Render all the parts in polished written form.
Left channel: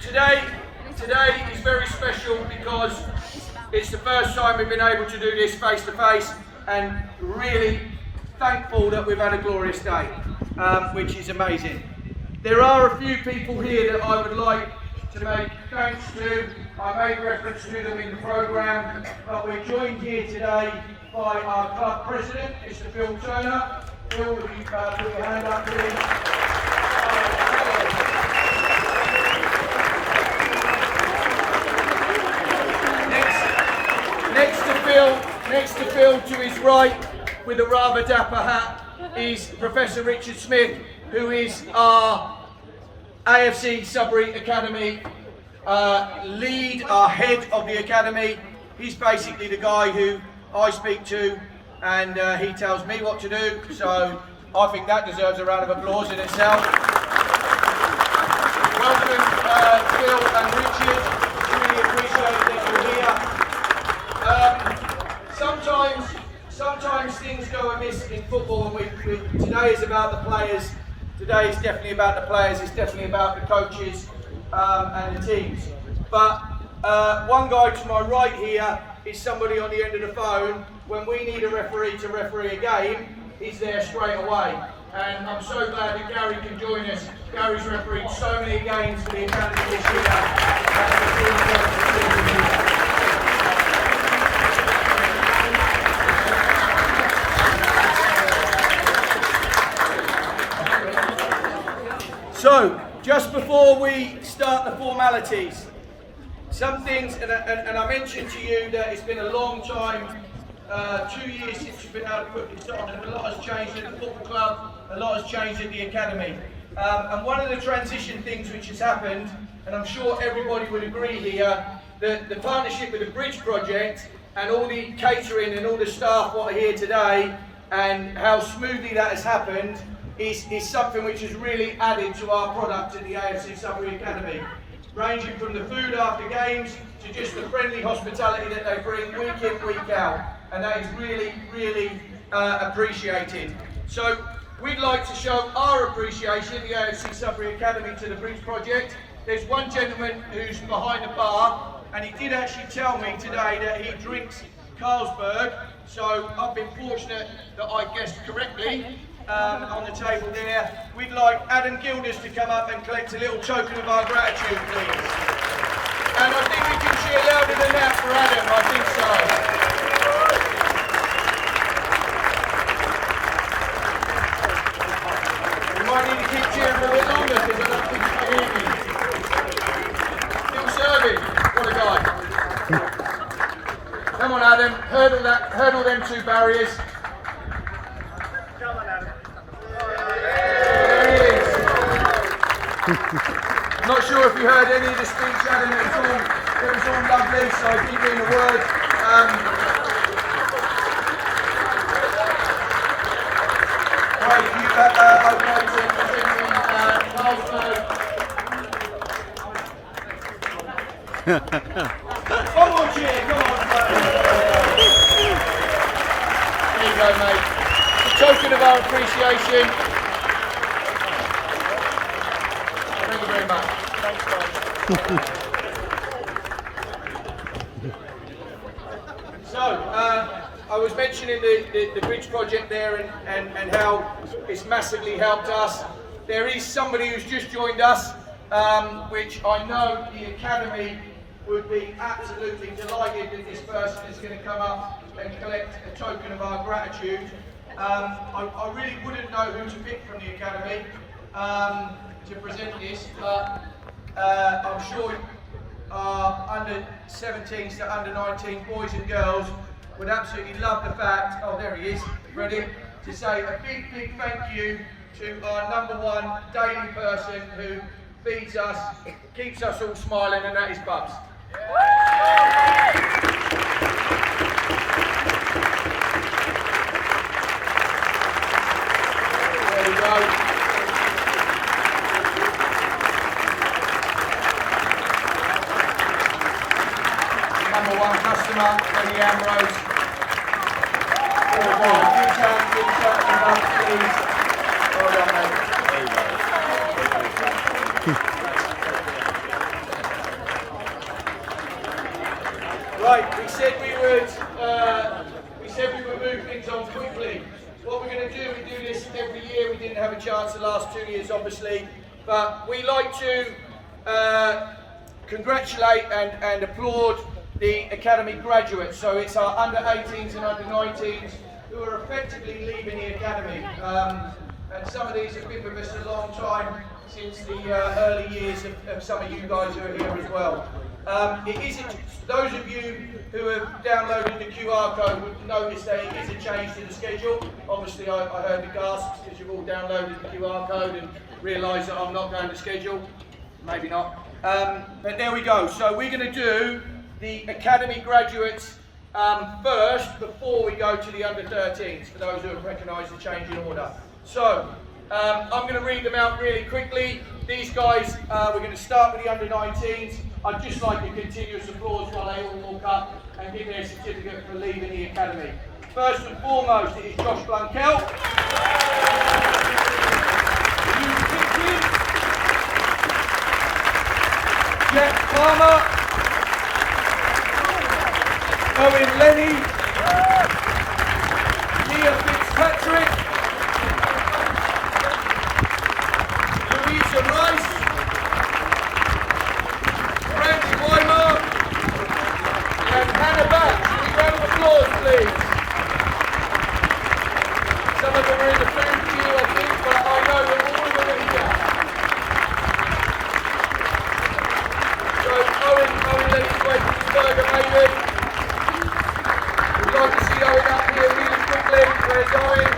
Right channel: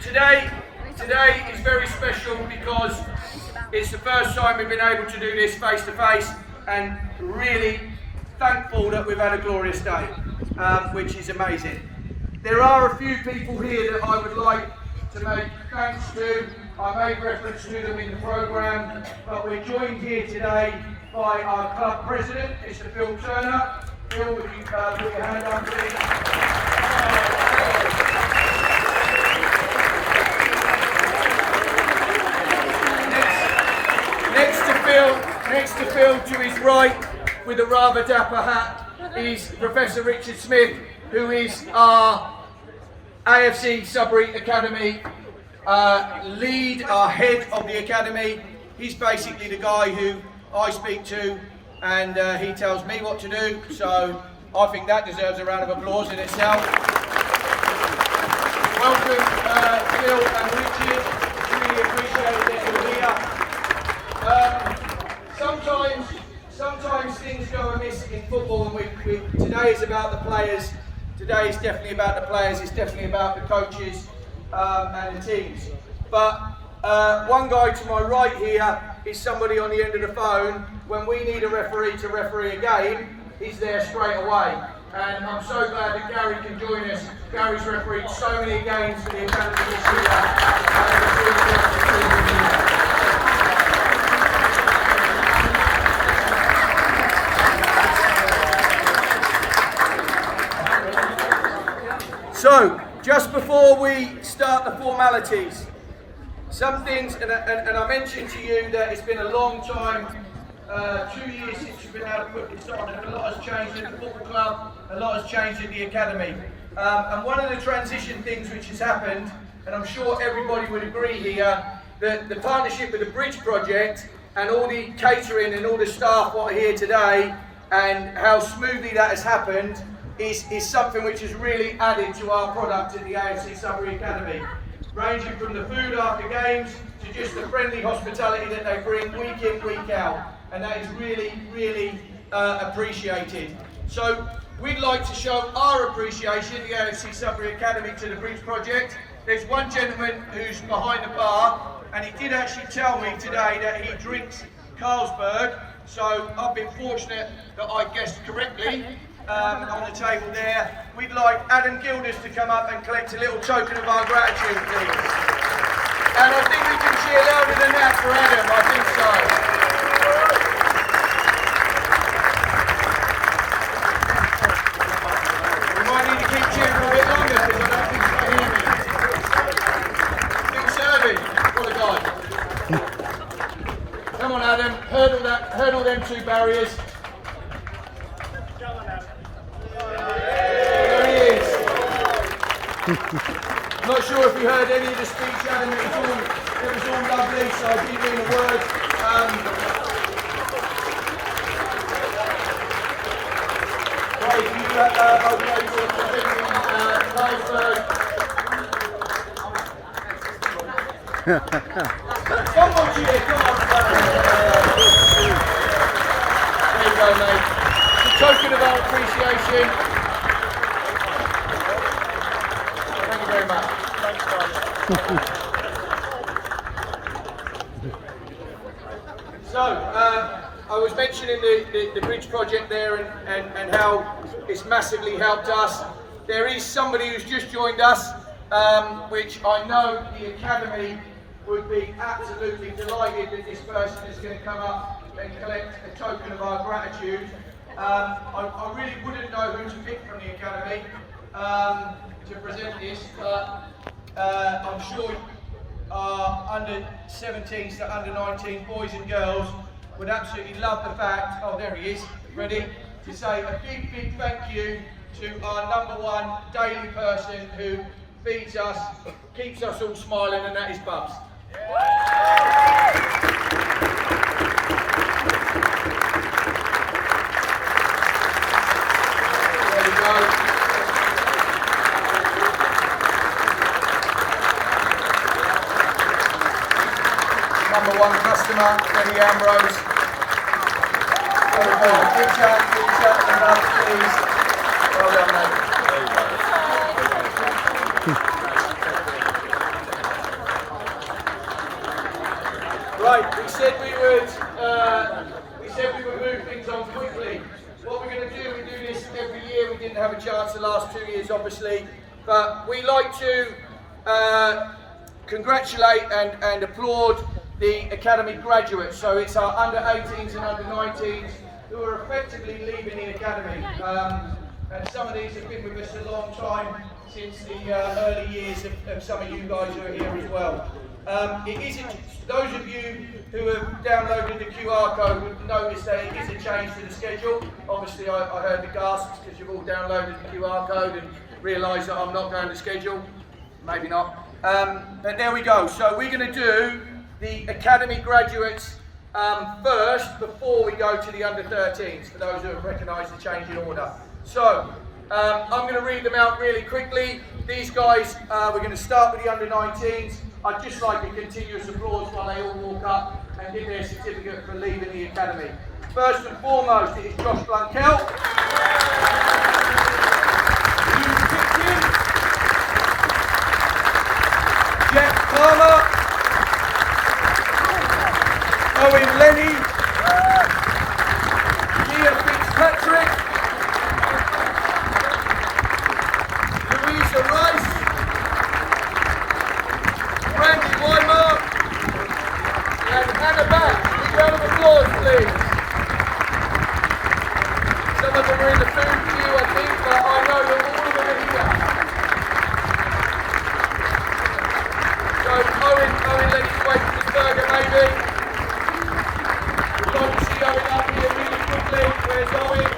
Today is very special because it's the first time we've been able to do this face to face, and really thankful that we've had a glorious day, which is amazing. There are a few people here that I would like to make thanks to. I made reference to them in the programme, but we're joined here today by our club president, Mr. Phil Turner. Phil, would you put your hand up, please? Next to Phil, to his right, with a rather dapper hat, is Professor Richard Smith, who is our AFC Sudbury Academy lead, our head of the academy. He's basically the guy who I speak to, and he tells me what to do, so I think that deserves a round of applause in itself. Welcome Phil and Richard, really appreciate that you're here. Sometimes things go amiss in football, and today is about the players. Today is definitely about the players, it's definitely about the coaches and the teams. But one guy to my right here is somebody on the end of the phone. When we need a referee to referee a game, he's there straight away. And I'm so glad that Gary can join us. Gary's refereed so many games for the academy this year. So, just before we start the formalities, some things, and I mentioned to you that it's been a long time, 2 years since you've been able to put this on, and a lot has changed in the football club, a lot has changed in the academy. And one of the transition things which has happened, and I'm sure everybody would agree here, that the partnership with the Bridge Project and all the catering and all the staff what are here today, and how smoothly that has happened, is something which has really added to our product at the AFC Sudbury Academy. Ranging from the food after games to just the friendly hospitality that they bring week in, week out. And that is really, really appreciated. So we'd like to show our appreciation, the AFC Sudbury Academy, to the Bridge Project. There's one gentleman who's behind the bar, and he did actually tell me today that he drinks Carlsberg. So I've been fortunate that I guessed correctly. On the table there, we'd like Adam Gilders to come up and collect a little token of our gratitude, please. And I think we can cheer louder than that for Adam, I think so. We might need to keep cheering for a bit longer because I don't think you can hear me. Still serving, what a guy. Come on Adam, hurdle them two barriers. I'm not sure if you heard any of the speech, Adam. It was all lovely, so I didn't mean a word. Right, you One more cheer, come on. There you go, mate. It's a token of our appreciation. Thanks, guys. So, I was mentioning the Bridge Project there and how it's massively helped us. There is somebody who's just joined us, which I know the Academy would be absolutely delighted that this person is going to come up and collect a token of our gratitude. I really wouldn't know who to pick from the Academy to present this, but I'm sure our under 17s to under 19 boys and girls would absolutely love the fact, oh there he is, ready, to say a big, big thank you to our #1 daily person who feeds us, keeps us all smiling, and that is Bubs. There you go. #1 customer, Freddie Ambrose. Please. Well done, mate. Right, we said we would move things on quickly. What we're going to do, we do this every year. We didn't have a chance the last 2 years, obviously, but we like to congratulate and applaud the academy graduates. So it's our under 18s and under 19s who are effectively leaving the academy. And some of these have been with us a long time, since the early years of some of you guys who are here as well. Those of you who have downloaded the QR code would notice that it is a change to the schedule. Obviously I heard the gasps because you've all downloaded the QR code and realised that I'm not going to schedule. Maybe not. But there we go. So we're going to do the academy graduates first before we go to the under 13s, for those who have recognised the change in order. So I'm going to read them out really quickly. These guys, we're going to start with the under 19s. I'd just like a continuous applause while they all walk up and give their certificate for leaving the academy. First and foremost, it is Josh Blunkell. Jeff Palmer. Owen Lenny. Leah Fitzpatrick. Louisa Rice. Frank Weimer. And Hannah Bax. A round of applause, please. Some of them are in the food queue, I think, but I know that all of them are here. So Owen Lenny's waiting for his burger, maybe. We'd like to see Owen up here really quickly. Where's Owen?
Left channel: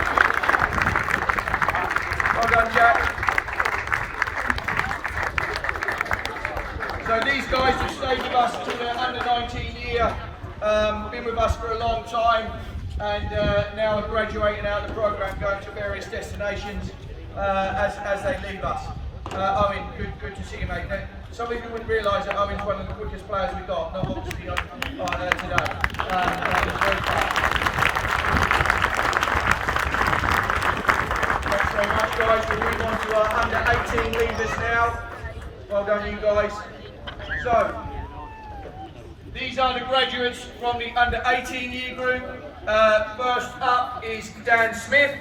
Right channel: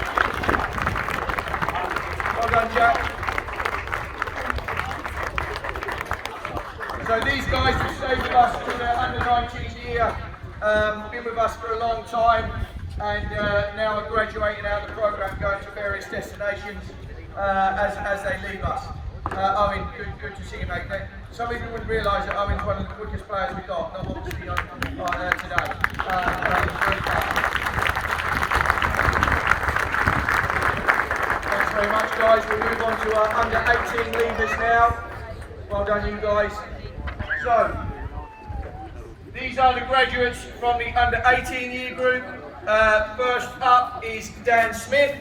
Well done, Jack. So these guys have stayed with us till their under 19 year, been with us for a long time, and now are graduating out of the programme, going to various destinations as they leave us. Owen, good to see you, mate. Some people wouldn't realise that Owen's one of the quickest players we've got, not obviously on today. Thanks very much, guys. We'll move on to our under 18 leavers now. Well done, you guys. So, these are the graduates from the under 18 year group. First up is Dan Smith.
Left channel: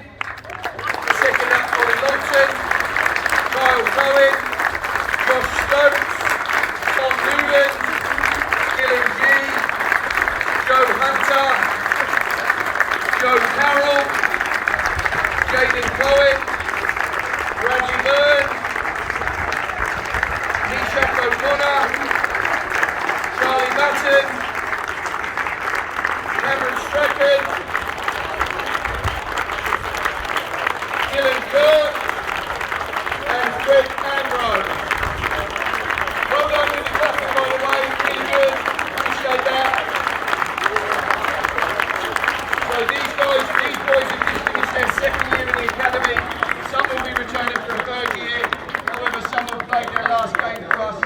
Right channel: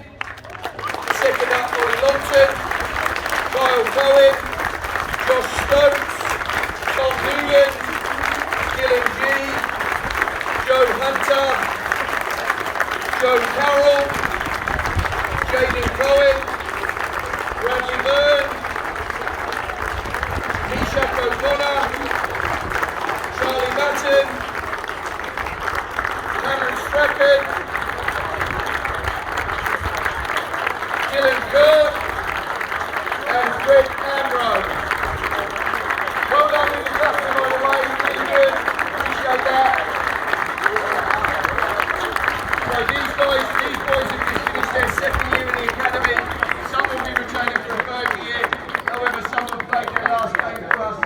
Second up, Ollie Lawson. Kyle Cohen. Josh Stokes. Tom Newton. Gillian G. Joe Hunter. Joe Carroll. Jaden Cohen. Bradley Byrne. Misha O'Connor. Charlie Matten, Cameron Strachan, Dylan Kirk, and Greg Ambrose. Well done with the cluster, by the way, really good, appreciate that. So these boys have just finished their second year in the academy. Some will be returning for a third year, however some will play their last game for us.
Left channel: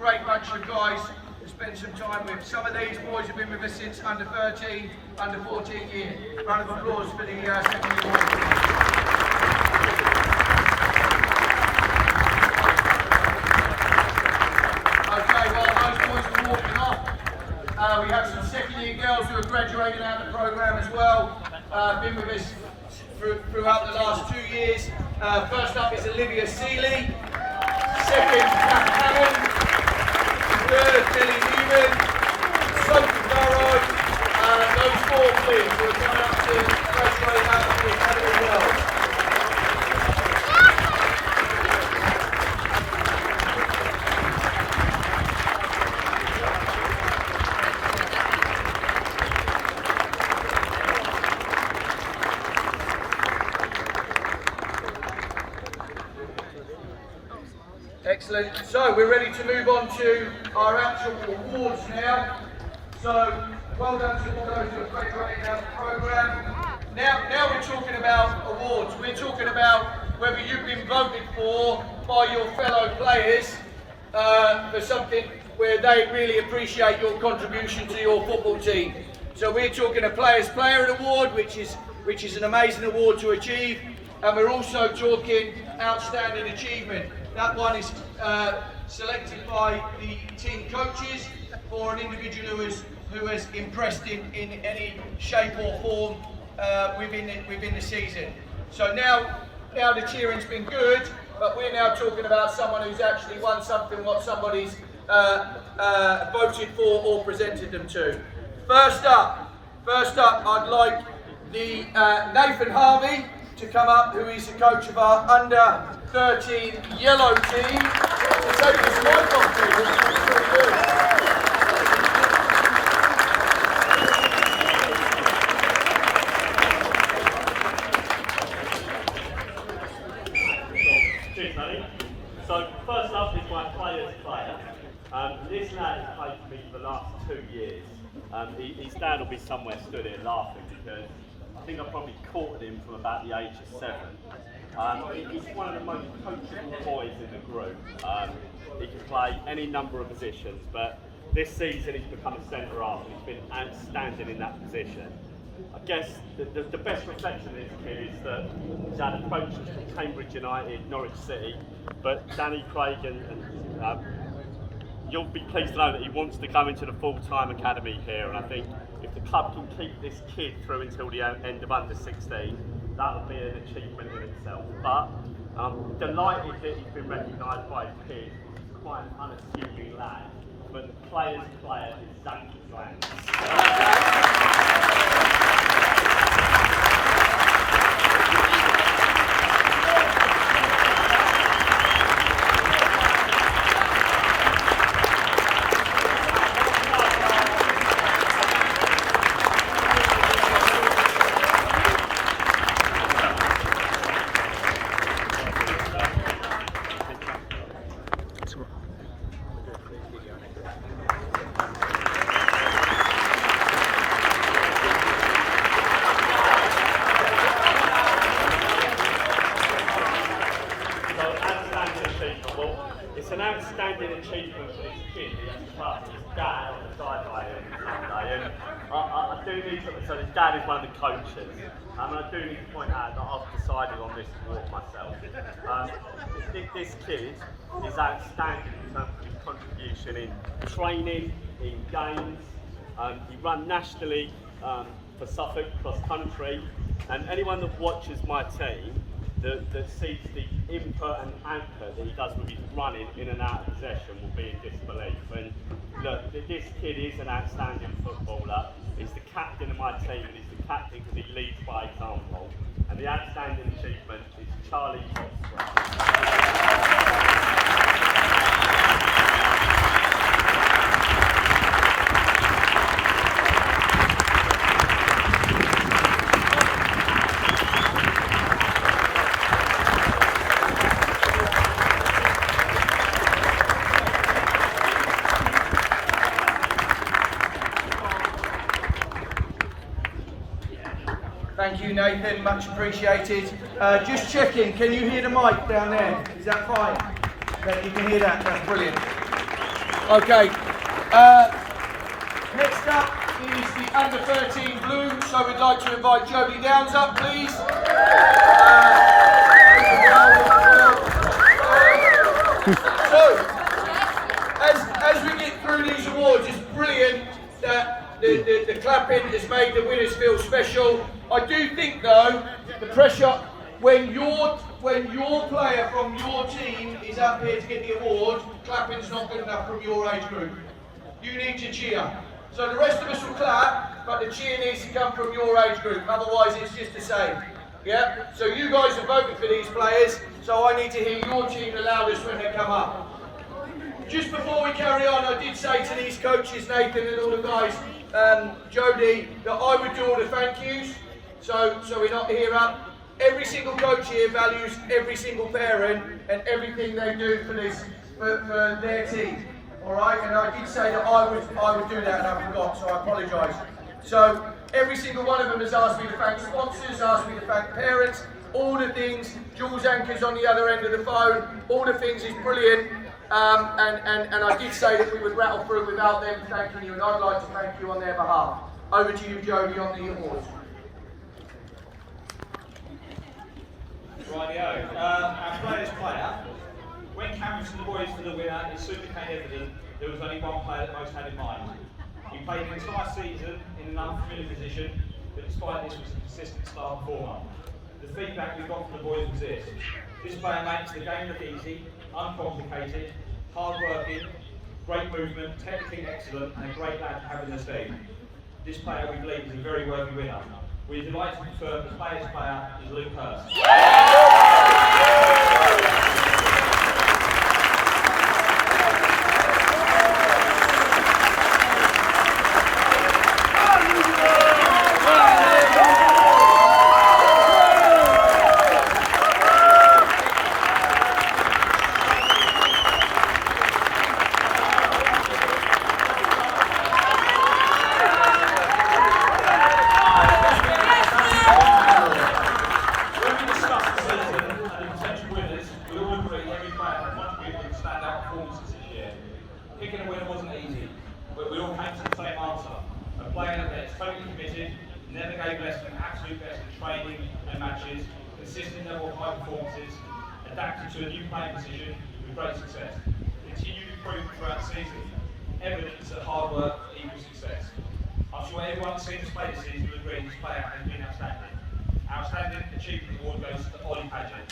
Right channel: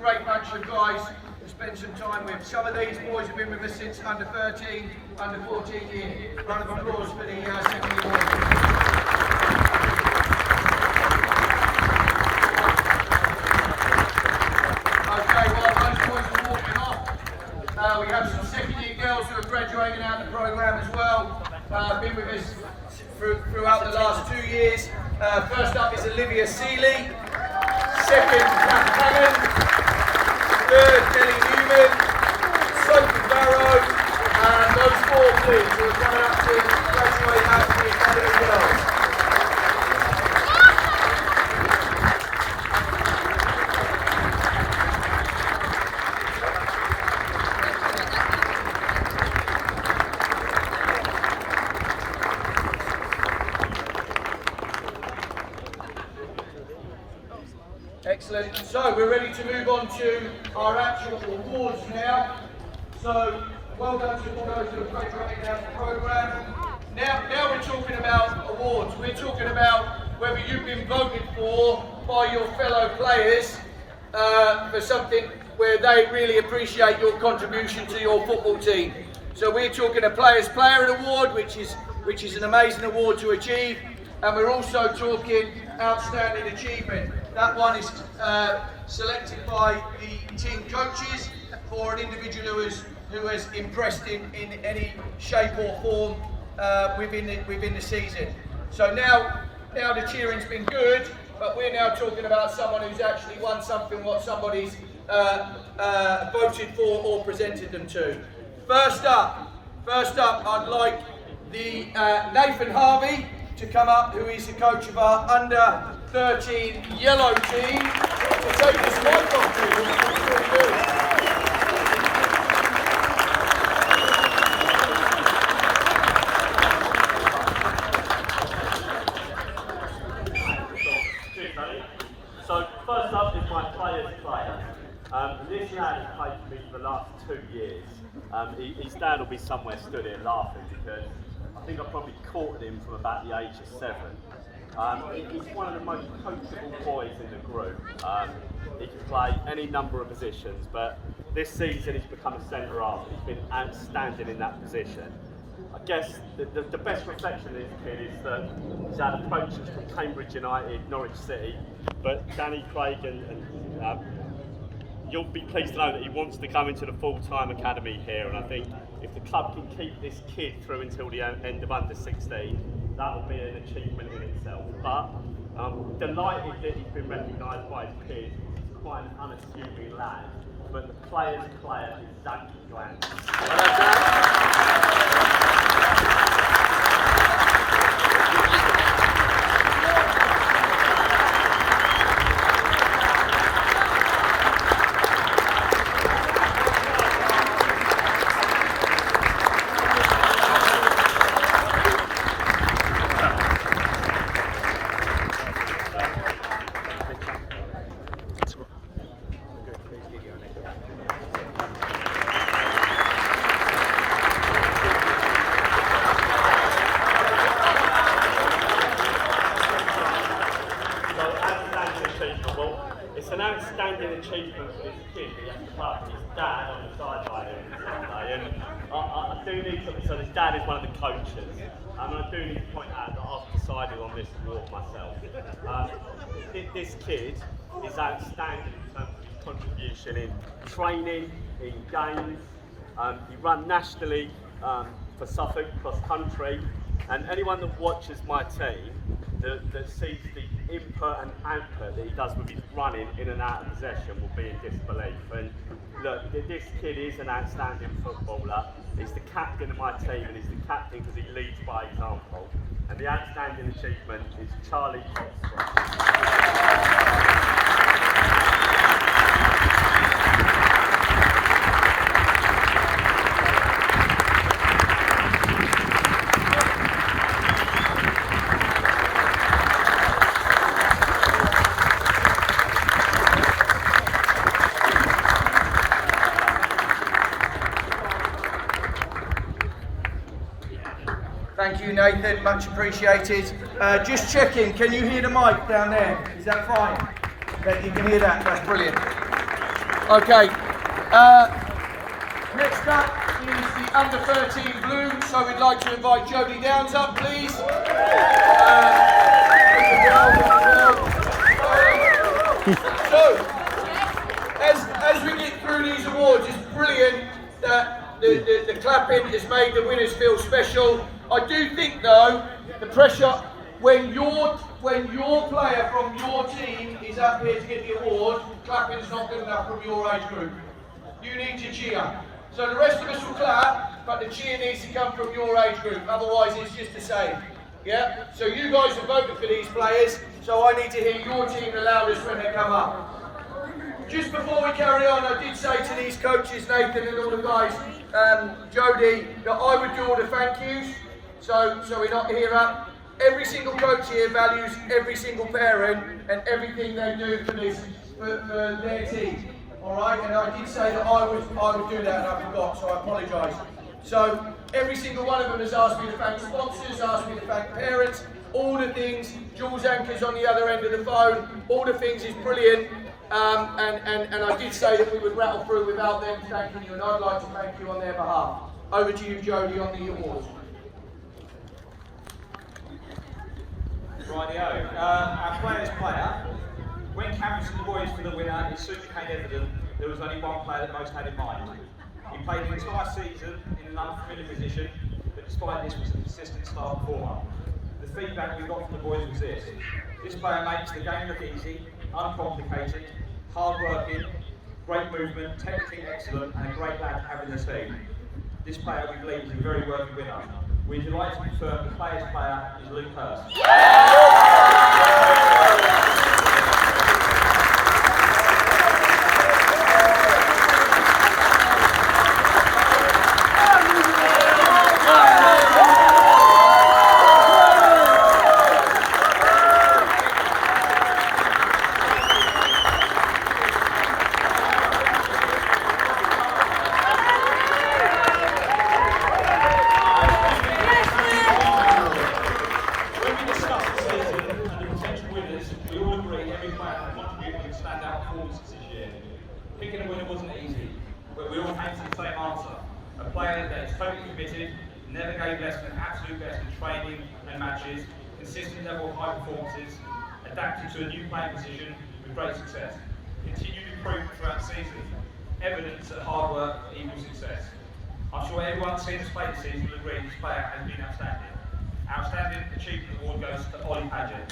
Great bunch of guys to spend some time with. Some of these boys have been with us since under 13, under 14 years. Round of applause for the second year boys. Okay, well, those boys are walking off. We have some second year girls who are graduating out of the programme as well. Been with us throughout the last 2 years. First up is Olivia Seeley. Second, Kat Cannon. Third, Billy Newman. Sophie Barrow. And those four, please, who are coming up to graduate out of the academy as well. Excellent. So we're ready to move on to our actual awards now. So well done to all those who have graduated out of the programme. Now we're talking about awards. We're talking about whether you've been voted for by your fellow players for something where they really appreciate your contribution to your football team. So we're talking a Players Player Award, which is an amazing award to achieve, and we're also talking Outstanding Achievement. That one is selected by the team coaches for an individual who has impressed in any shape or form within the season. So now the cheering's been good, but we're now talking about someone who's actually won something what somebody's voted for or presented them to. First up, I'd like the Nathan Harvey to come up, who is the coach of our under 13 yellow team, to take this mic off to, which is really good. Cheers, buddy. So first up is my player's player. This lad has played for me for the last 2 years. His dad will be somewhere stood here laughing because I think I probably caught him from about the age of 7. He's one of the most coachable boys in the group. He can play any number of positions, but this season he's become a centre half. He's been outstanding in that position. I guess the best reflection of this kid is that he's had approaches from Cambridge United, Norwich City, but Danny Craig and you'll be pleased to know that he wants to come into the full-time academy here, and I think if the club can keep this kid through until the end of under 16, that would be an achievement in itself. But I'm delighted that he's been recognised by his peers. He's quite an unassuming lad, but the player's player is Zach Glenn. It's an outstanding achievement for this kid. He has to part with his dad on the sideline every Sunday, and I do need to. So his dad is one of the coaches, and I do need to point out that I've decided on this award myself. This kid is outstanding in terms of his contribution in training, in games. He ran nationally for Suffolk cross country, and anyone that watches my team that sees the input and output that he does with his running in and out of possession will be in disbelief. And look, this kid is an outstanding footballer. He's the captain of my team, and he's the captain because he leads by example. And the outstanding achievement is Charlie Hotspur. Thank you, Nathan, much appreciated. Just checking, can you hear the mic down there? Is that fine? Yeah, you can hear that, that's brilliant. Okay, next up is the under 13 blue, so we'd like to invite Jodie Downs up, please. So, as we get through these awards, it's brilliant that the clapping has made the winners feel special. I do think though, the pressure when your player from your team is up here to get the award, clapping's not good enough from your age group. You need to cheer. So the rest of us will clap, but the cheer needs to come from your age group, otherwise it's just the same. Yeah? So you guys have voted for these players, so I need to hear your team the loudest when they come up. Just before we carry on, I did say to these coaches, Nathan and all the guys, Jodie, that I would do all the thank yous. So we're not here up. Every single coach here values every single parent and everything they do for their team. All right, and I did say that I would do that, and I forgot, so I apologise. So every single one of them has asked me to thank sponsors, asked me to thank parents, all the things. Jules Anker's on the other end of the phone. All the things is brilliant. And I did say that we would rattle through without them thanking you, and I'd like to thank you on their behalf. Over to you, Jodie, on the awards. Rightio. Our player's player When canvassing the boys for the winner, it soon became evident there was only one player that most had in mind. He played the entire season in an unfamiliar position, but despite this was a consistent star performer. The feedback we got from the boys was this: this player makes the game look easy, uncomplicated, hard-working, great movement, technically excellent, and a great lad to have in the team. This player, we believe, is a very worthy winner. We're delighted to confirm the player's player is Luke Hurst. Picking a winner wasn't easy, but we all came to the same answer. A player that is totally committed, never gave less than absolute best in training and matches, consistent level of high performances, adapted to a new playing position with great success. Continued improvement throughout the season, evidence that hard work equals success. I'm sure everyone seen us play this season will agree this player has been outstanding. Outstanding Achievement Award goes to Ollie Paget.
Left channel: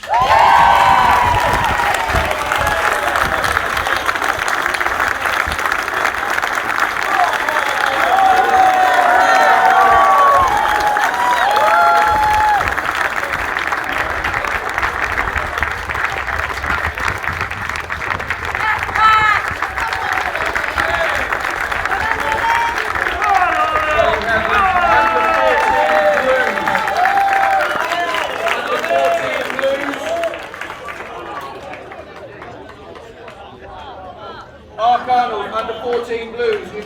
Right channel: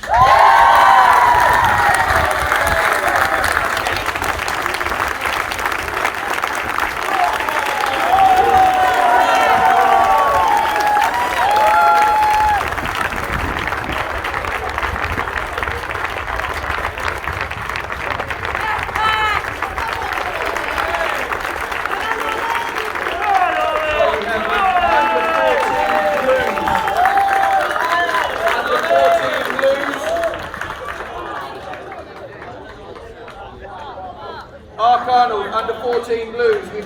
Arnold, under 14 Blues. I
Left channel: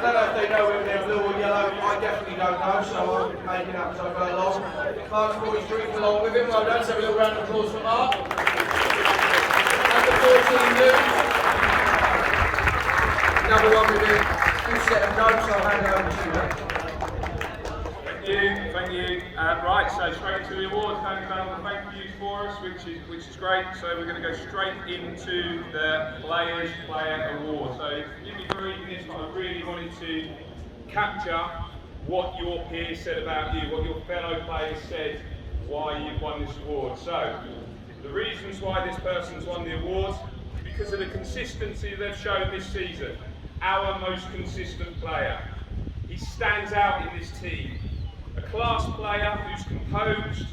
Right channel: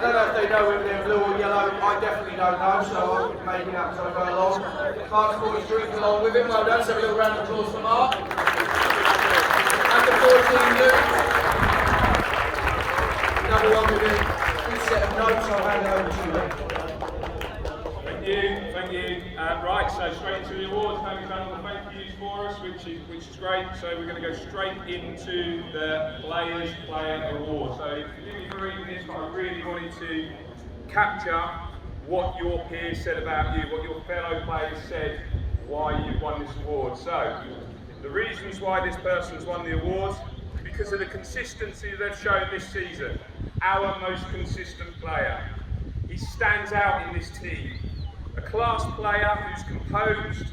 don't know if they know whether they're blue or yellow. I definitely don't know, so I'm making up as I go along. Mark's 43 along with him. Well done. Let's have a little round of applause for Mark. Under 14 Blues. Another one with a good set of notes. I'll hand it over to you, mate. Thank you. Right, so straight into the awards. Tony's done all the thank yous for us, which is great. So we're going to go straight into the Player Award. So forgive me for reading this, but I really wanted to capture what your peers said about you, what your fellow players said, why you've won this award. So the reasons why this person's won the award, because of the consistency they've shown this season. Our most consistent player. He stands out in this team. A class player who's composed,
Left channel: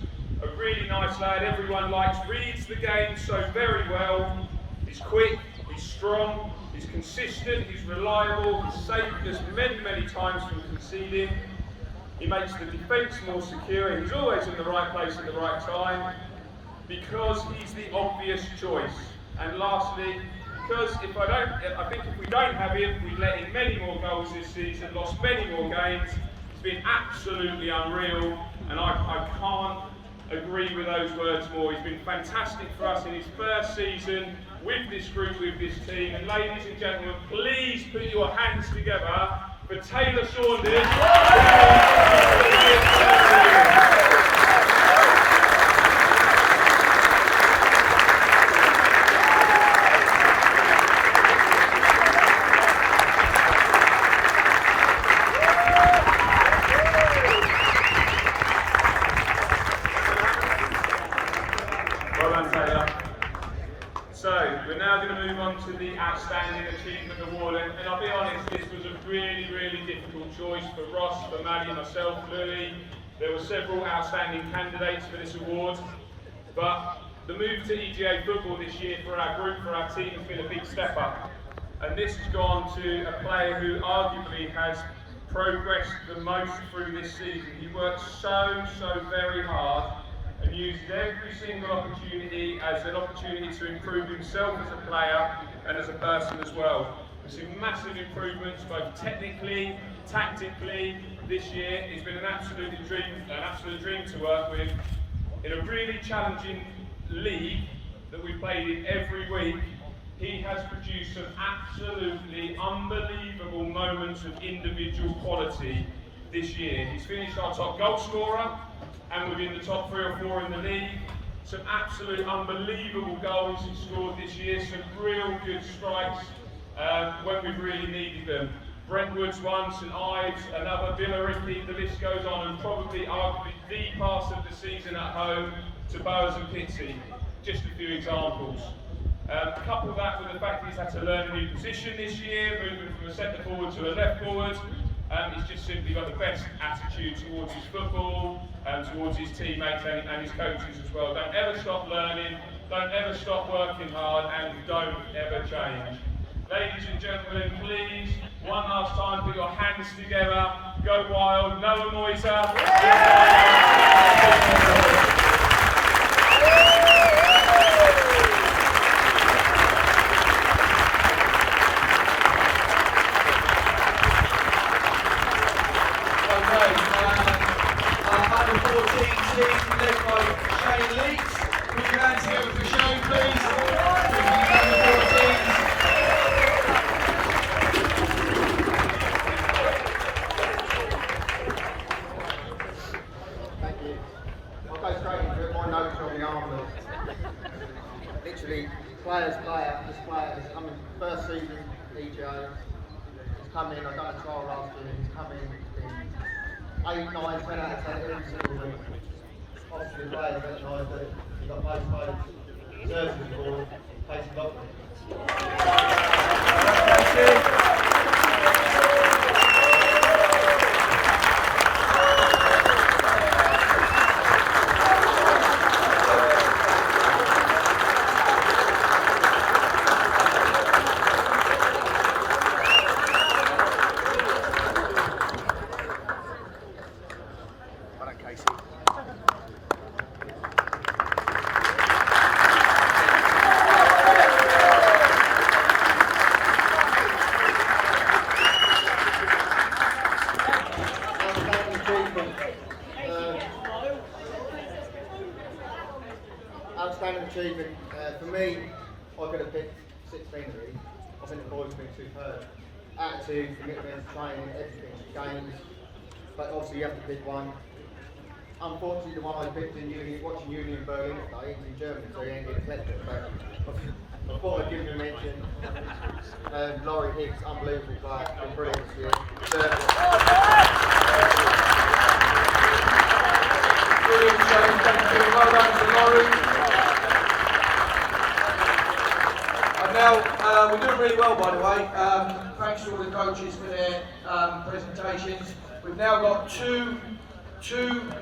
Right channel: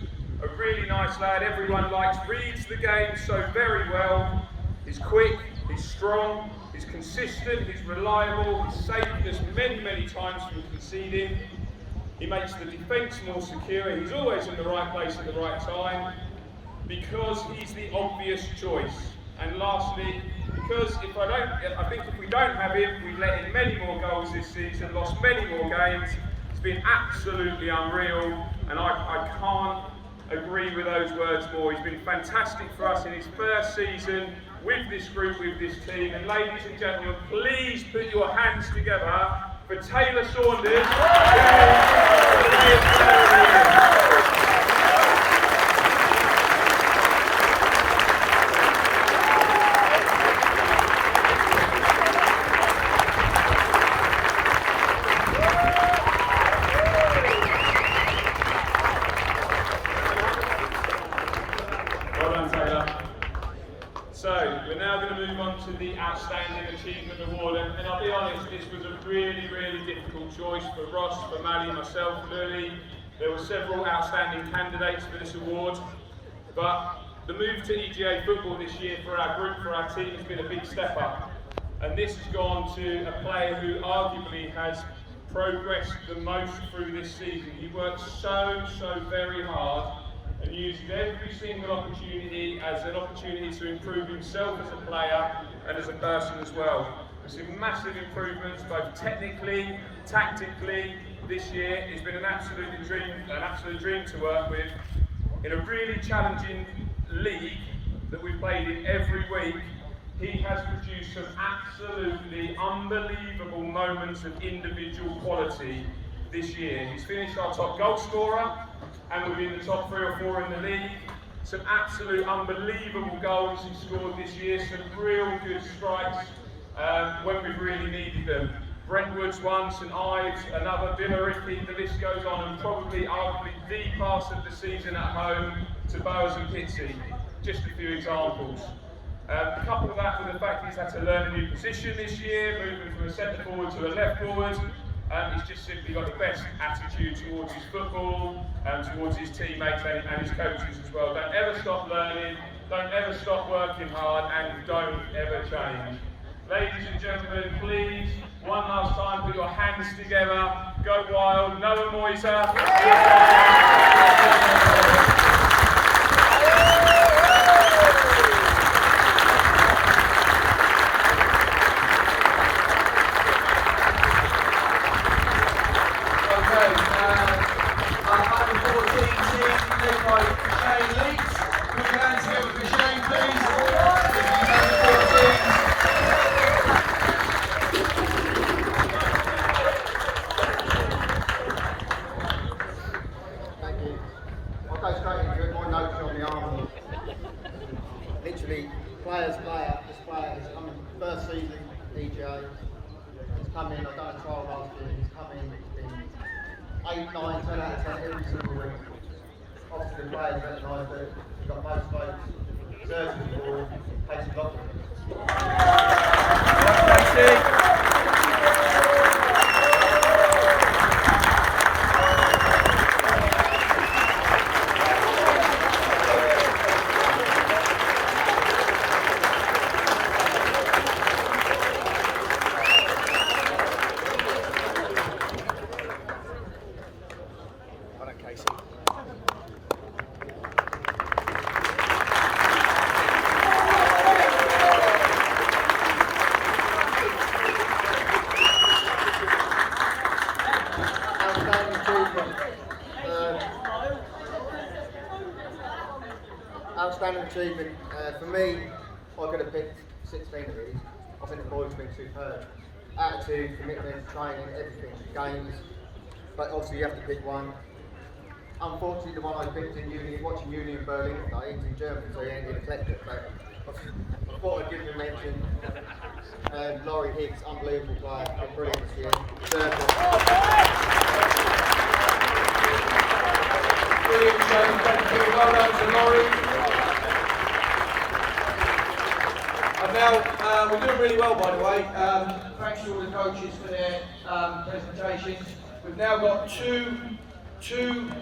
a really nice lad everyone likes, reads the game so very well. He's quick, he's strong, he's consistent, he's reliable, he's saved us many, many times from conceding. He makes the defence more secure, he's always in the right place at the right time, because he's the obvious choice. And lastly, because I think if we don't have him, we let in many more goals this season, lost many more games. It's been absolutely unreal, and I can't agree with those words more. He's been fantastic for us in his first season with this group, with this team. And ladies and gentlemen, please put your hands together for Taylor Saunders. Well done, Taylor. So, we're now going to move on to the Outstanding Achievement Award, and I'll be honest, this was a really, really difficult choice for Ross, for Maddie, myself, Lily. There were several outstanding candidates for this award, but the move to EGA football this year for our group, for our team, has been a big step up. And this has gone to a player who arguably has progressed the most through this season. He worked so very hard and used every single opportunity as an opportunity to improve himself as a player and as a person as well. There's some massive improvements, both technically, tactically, this year. It's been an absolute dream to work with. In a really challenging league that we played in every week, he has produced some absolutely unbelievable moments of individual quality this year. He's finished our top goal scorer, and within the top 3 or 4 in the league, some absolute unbelievable goals he scored this year, some real good strikes when we've really needed them. Brentwood's one, St Ives, another, Billericay, the list goes on, and probably arguably the pass of the season at home to Bowers and Pitsea. Just a few examples. Couple that with the fact he's had to learn a new position this year, moving from a centre forward to a left forward. He's just simply got the best attitude towards his football, towards his teammates and his coaches as well. Don't ever stop learning, don't ever stop working hard, and don't ever change. Ladies and gentlemen, please, one last time, put your hands together, go wild, Noah Moiser. Under 14 team led by Shane Leeds. Put your hands together for Shane, please. Under 14. Thank you. I'll go straight into it. My notes are on the arm. Literally, this player is coming first season, EJ. He's come in, I've done a trial last year, he's come in 8, 9, 10 out of 10 every single week. Obviously the players recognise that he's got most votes, deserves the award, takes a lot with him. Thank you. Outstanding achievement. For me, I could have picked 16 of these. I think the boys have been superb. Attitude, commitment, training, everything, games. But obviously you have to pick one. Unfortunately, the one I picked in watching Union Berlin today, he's in Germany, so he ain't going to collect it. But I thought I'd give him a mention. Laurie Higgs, unbelievable player, been brilliant this year. Brilliant, Shane. Thank you. Well done to Laurie. And now, we're doing really well, by the way. Thanks to all the coaches for their presentations. We've now got two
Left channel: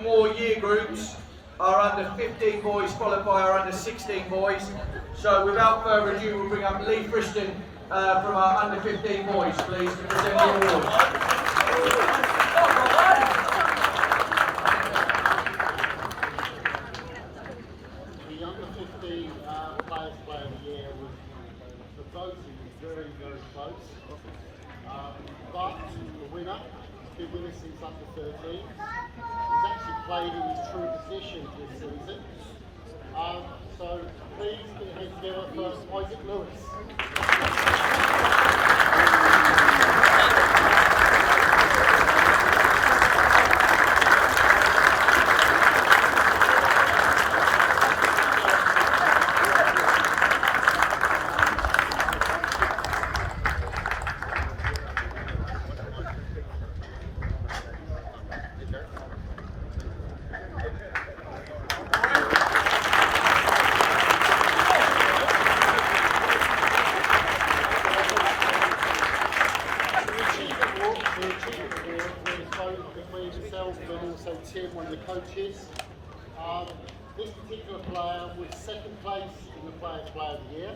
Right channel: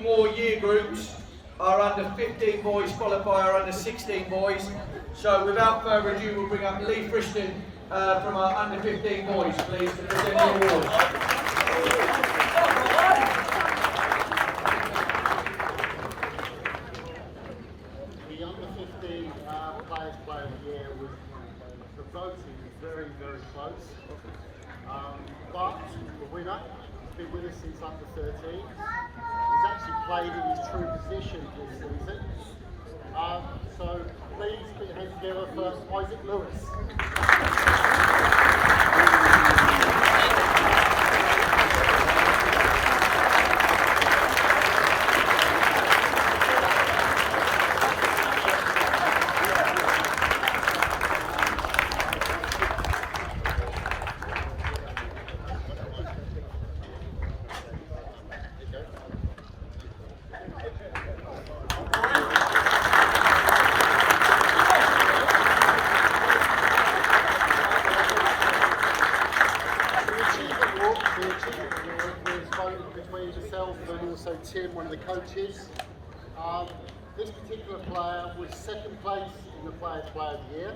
more year groups, our under 15 boys followed by our under 16 boys. So without further ado, we'll bring up Lee Friston from our under 15 boys, please, to present the award. The under 15 Players Player of the Year was, the voting was very, very close. But the winner has been with us since under 13. He's actually played in his true position this season. So please put your hands together for Isaac Lewis. The achievement award was voted between yourself and also Tim, one of the coaches. This particular player was second place in the Players Player of the Year.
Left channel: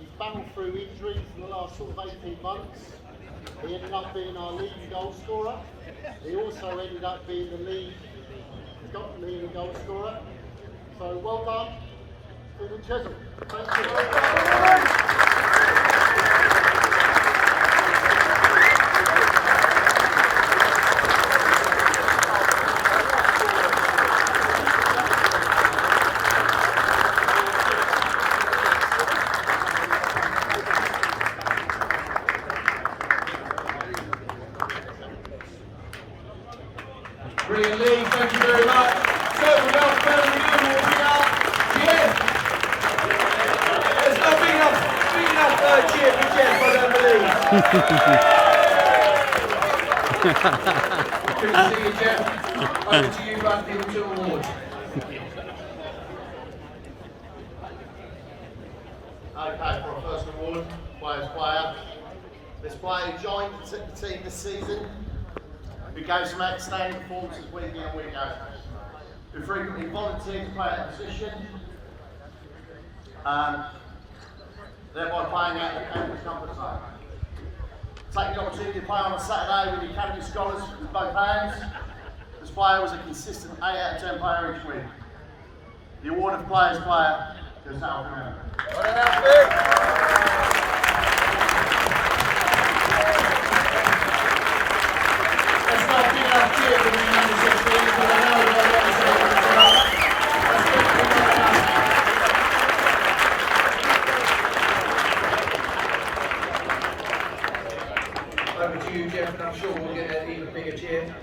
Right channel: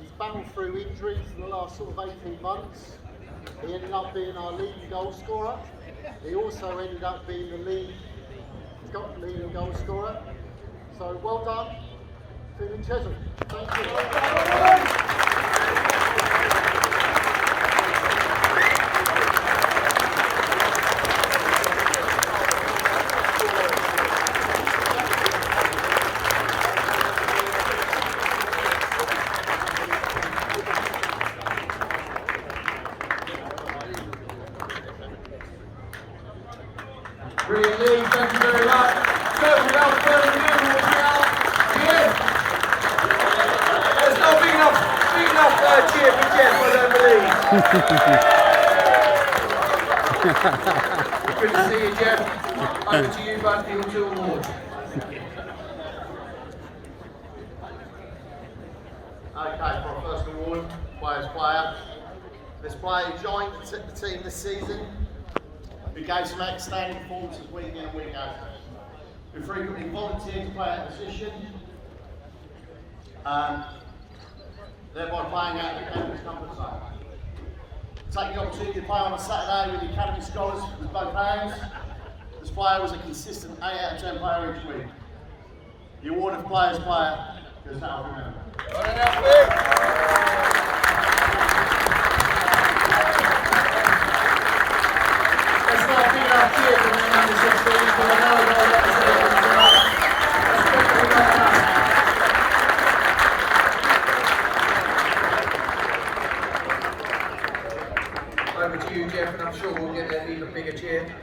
He's battled through injuries in the last sort of 18 months. He ended up being our leading goal scorer. He also ended up being the leading goal scorer. So well done, Stephen Chisel. Thank you. Brilliant, Lee. Thank you very much. So, without further ado, we'll Good to see you, Jeff. Over to you, bud, for your 2 awards. Okay, for our first award, Players Player. This player joined the team this season, who gave some outstanding performances week in and week out, who frequently volunteered to play at a position, thereby playing out of the academy's comfort zone. Taking the opportunity to play on a Saturday with the academy scholars with both hands, this player was a consistent 8 out of 10 player each week. The award of Players Player goes to Alfie Mann. Well done, Alfie. Let's not give our cheers for the number 16, because I know they're representing the club. Over to you, Jeff, and I'm sure we'll get an even bigger cheer.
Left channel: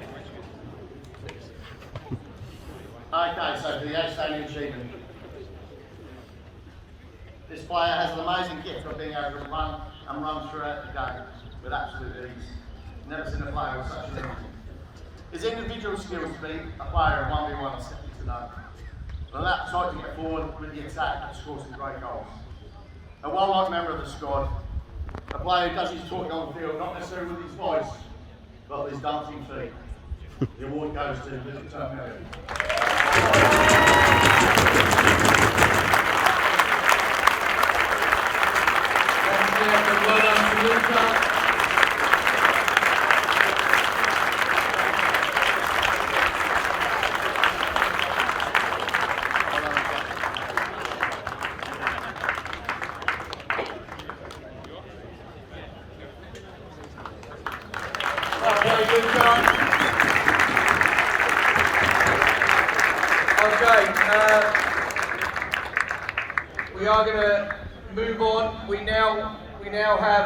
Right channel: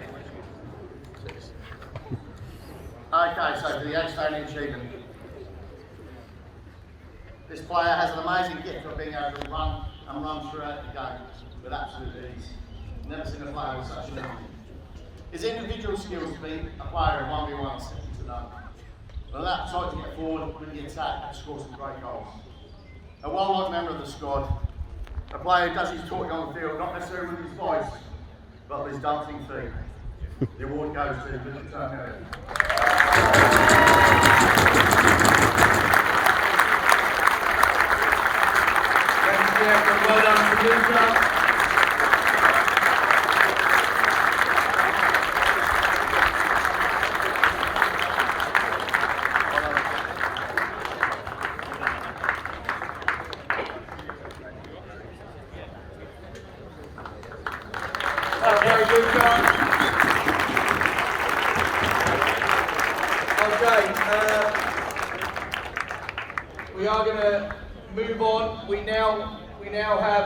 Okay, so for the outstanding achievement. This player has an amazing gift of being able to run throughout the game with absolute ease. Never seen a player with such an energy. His individual skills to be a player in 1v1 are second to none. But that appetite to get forward with the attack and score some great goals. A well-liked member of the squad, a player who does his talking on the field, not necessarily with his voice, but with his dancing feet. The award goes to Luke Turner. Thank you, Jeff, and well done to Luca. Okay, Luca. Okay, we are going to move on. We now have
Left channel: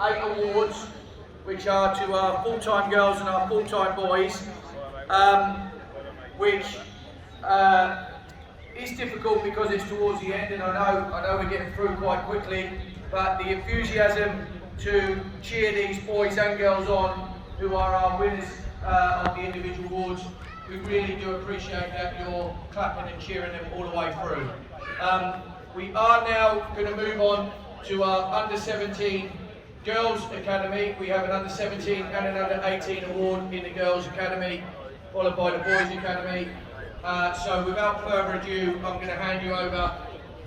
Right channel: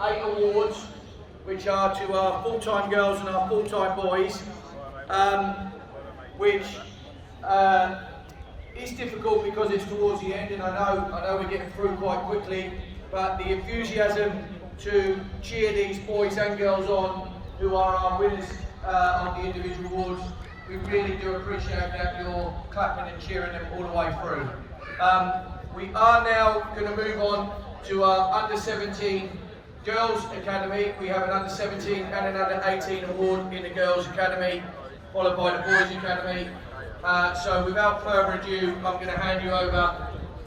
eight awards, which are to our full-time girls and our full-time boys, which is difficult because it's towards the end, and I know we're getting through quite quickly. But the enthusiasm to cheer these boys and girls on, who are our winners of the individual awards, we really do appreciate that you're clapping and cheering them all the way through. We are now going to move on to our Under-17 Girls Academy. We have an Under-17 and an Under-18 award in the Girls Academy, followed by the Boys Academy. So without further ado, I'm going to hand you over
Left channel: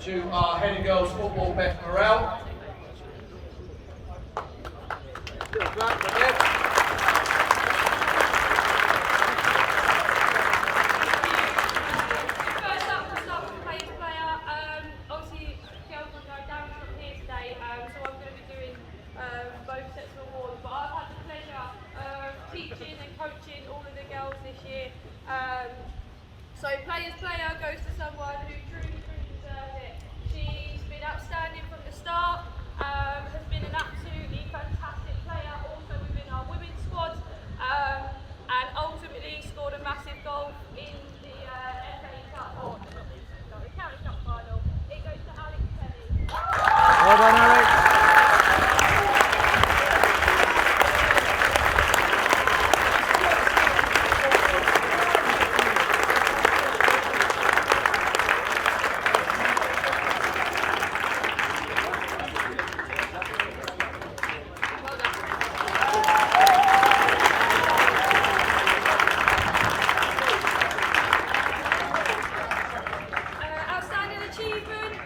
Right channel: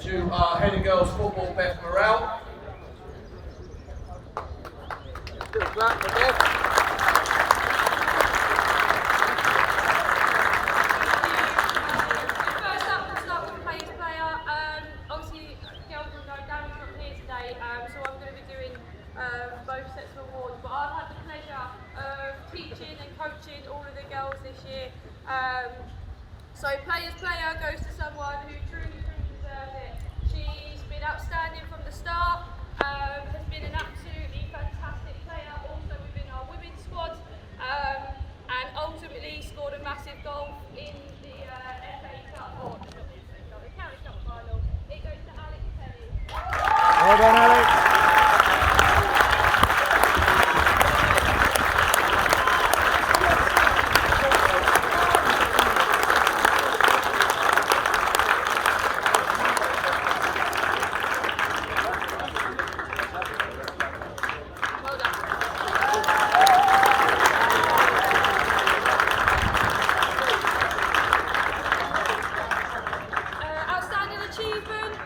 to our Head of Girls Football, Beth Morrell. Little clap for Beth. Both sets of awards, but I've had the pleasure of teaching and coaching all of the girls this year. So Players Player goes to someone who truly deserves it. She's been outstanding from the start, has been an absolutely fantastic player also within our women's squad, and ultimately scored a massive goal in the FA Cup, or not the FA Cup, the County Cup final. It goes to Alex Kelly. Well done, Alex.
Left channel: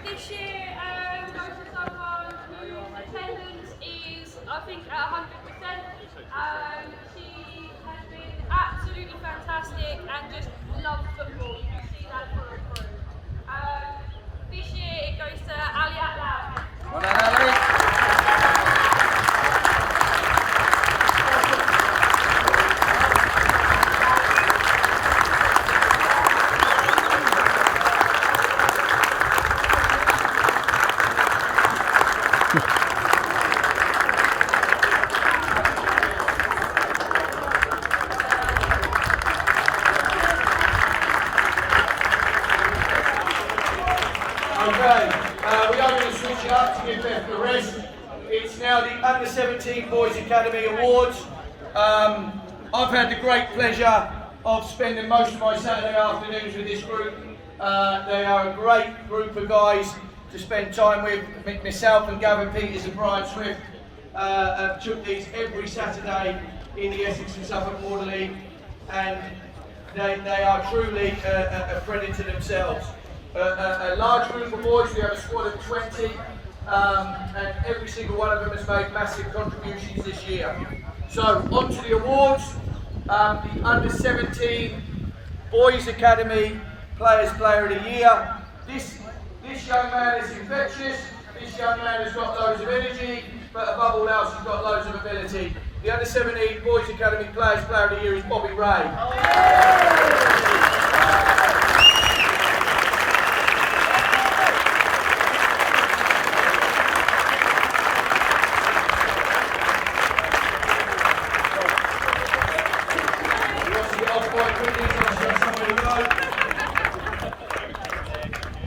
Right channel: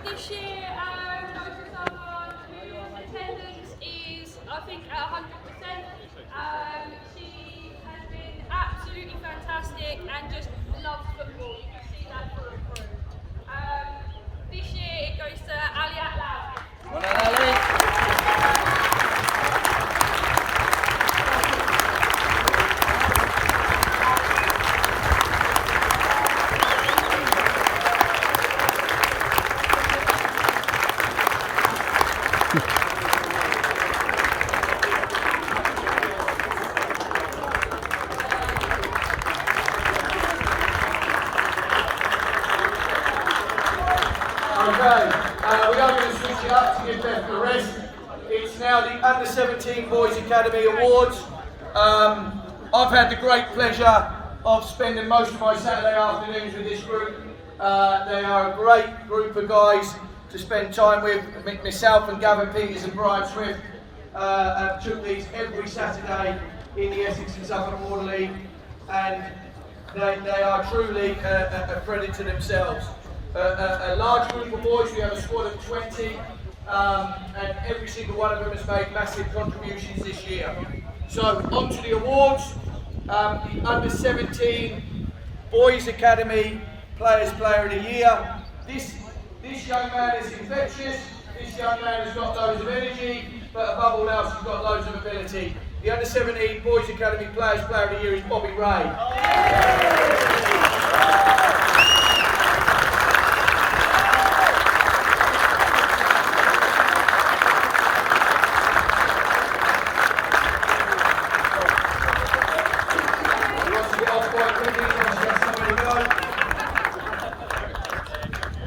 This year goes to someone whose attendance is, I think, at 100%. She has been absolutely fantastic and just loves football. You can see that through and through. This year it goes to Ali Atlau. Well done, Ali. Okay, we are going to switch it up to give Beth the rest. it's now the Under 17 Boys Academy Awards. I've had the great pleasure of spending most of my Saturday afternoons with this group. They are a great group of guys to spend time with. Myself and Gavin Peters and Brian Swift took these every Saturday in the Essex and Suffolk Water League, and they are truly a credit to themselves. A large group of boys, we have a squad of 20, and every single one of them has made massive contributions this year. So, on to the awards. The Under 17 Boys Academy Player of the Year. This young man is infectious, this young man has got loads of energy, but above all else he's got loads of ability. The Under 17 Boys Academy Player of the Year is Bobby Ray.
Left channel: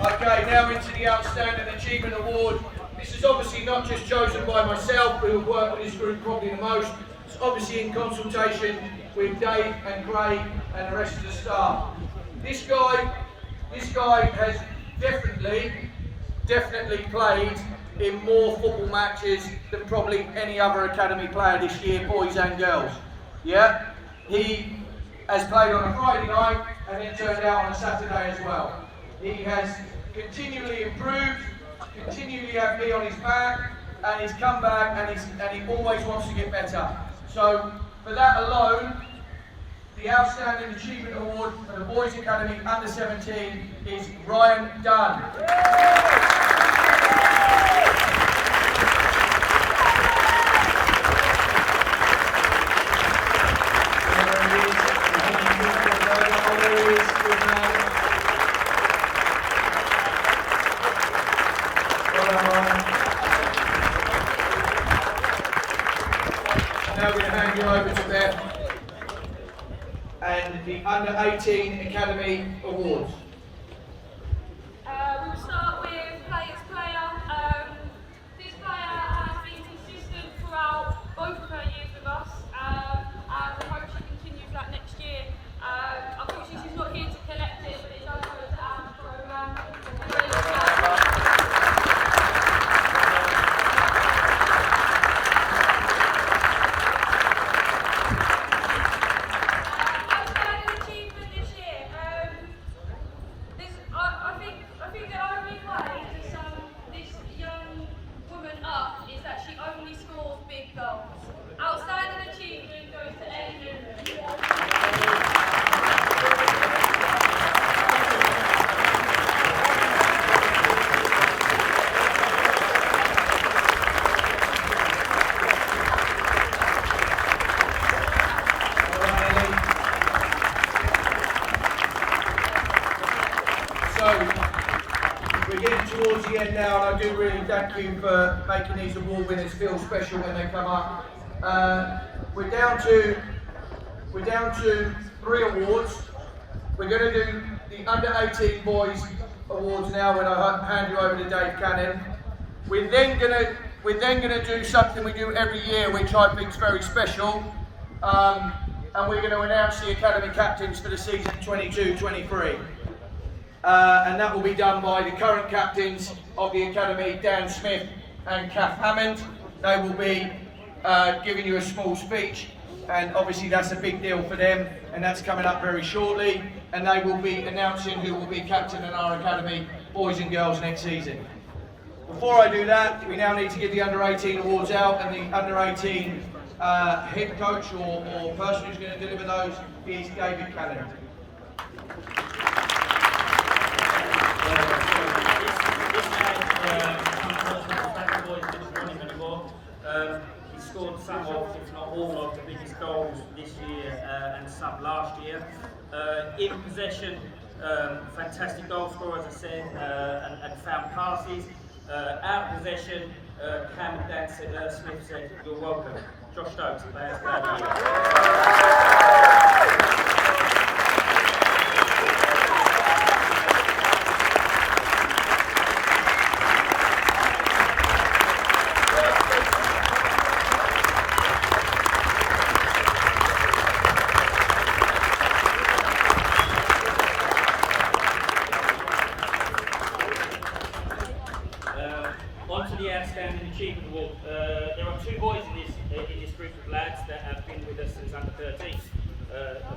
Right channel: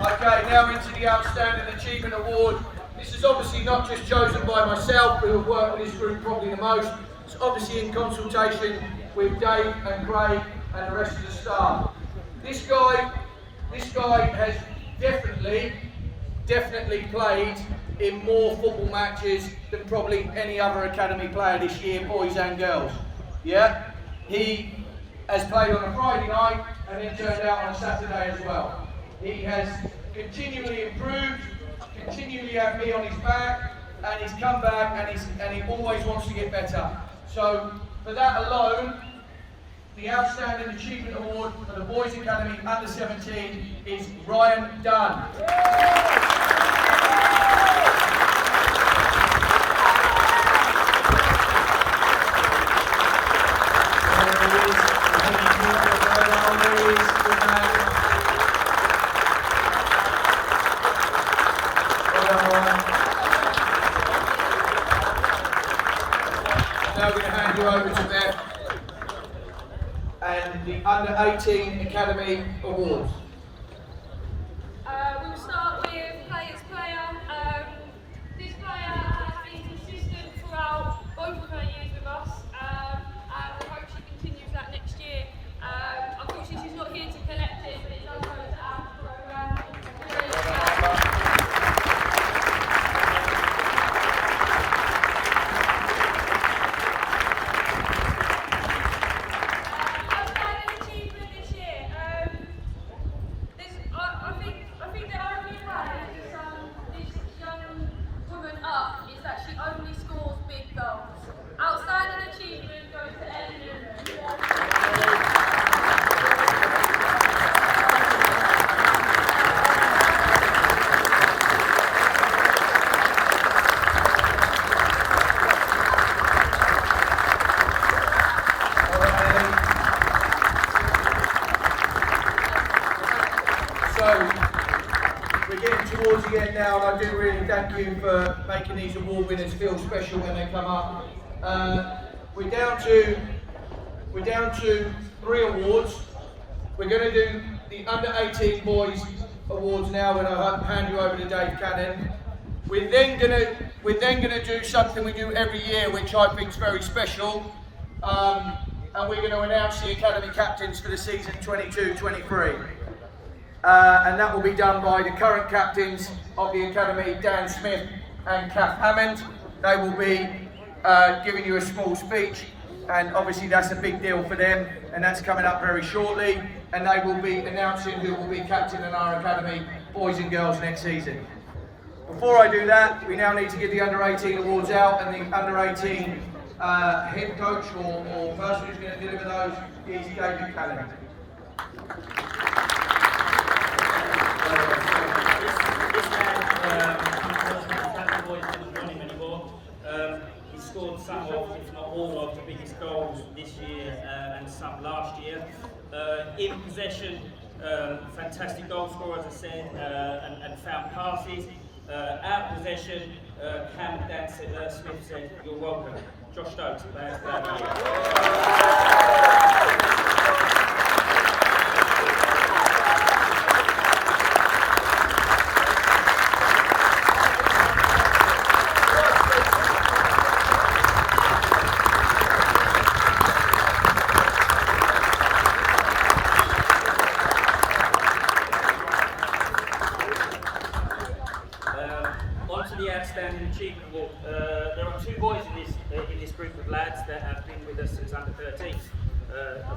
Okay, now into the Outstanding Achievement Award. This is obviously not just chosen by myself, who have worked with this group probably the most. It's obviously in consultation with Dave and Craig and the rest of the staff. This guy has definitely played in more football matches than probably any other academy player this year, boys and girls. Yeah, he has played on a Friday night and then turned out on a Saturday as well. He has continually improved, continually had me on his back, and he's come back and he always wants to get better. So for that alone, the Outstanding Achievement Award for the Boys Academy Under 17 is Ryan Dunn. Now we're going to hand you over to Beth and the Under 18 Academy Awards. We'll start with Player's Player. This player has been consistent throughout both of her years with us, and we hope she continues that next year. Unfortunately, she's not here to collect it, but it does go to our programme. I think the only way to sum this young woman up is that she only scores big goals. Outstanding achievement goes to Elliot. So, we're getting towards the end now, and I do really thank you for making these award winners feel special when they come up. We're down to 3 awards. We're going to do the Under 18 Boys Awards now when I hand you over to Dave Cannon. We're then going to do something we do every year, which I think is very special, and we're going to announce the academy captains for the season 22-23. And that will be done by the current captains of the academy, Dan Smith and Kath Hammond. They will be giving you a small speech, and obviously that's a big deal for them, and that's coming up very shortly, and they will be announcing who will be captain in our academy, boys and girls, next season. Before I do that, we now need to give the Under 18 awards out, and the Under 18 head coach or person who's going to deliver those is David Cannon. This man comes to us not the fact the boys didn't want him anymore. He scored some of, if not all of, the biggest goals this year and some last year. In possession, fantastic goal scorer, as I said, and found passes. Out of possession, Cam and Dan Smith said, "You're welcome." Josh Stokes, Player of the Year. to the Outstanding Achievement Award. There are two boys in this group of lads that have been with us since under 13,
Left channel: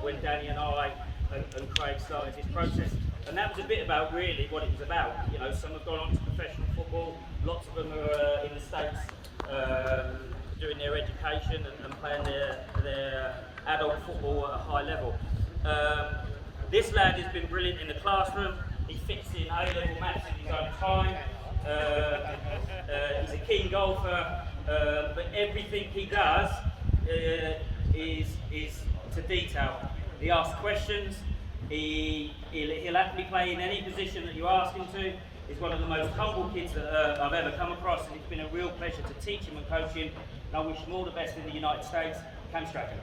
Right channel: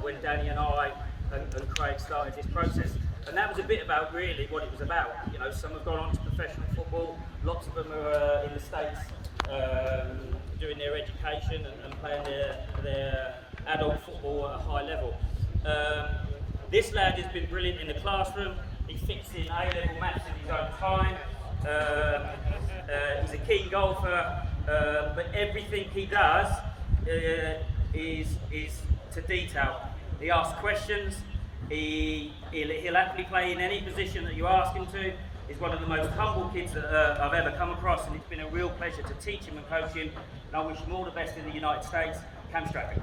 when Danny and I and Craig started this process. And that was a bit about really what it was about. You know, some have gone on to professional football, lots of them are in the States doing their education and playing their adult football at a high level. This lad has been brilliant in the classroom. He fits in A-level maths in his own time. He's a keen golfer, but everything he does is to detail. He asks questions. He'll happily play in any position that you ask him to. He's one of the most humble kids that I've ever come across, and it's been a real pleasure to teach him and coach him. And I wish him all the best in the United States. Cam Strachan.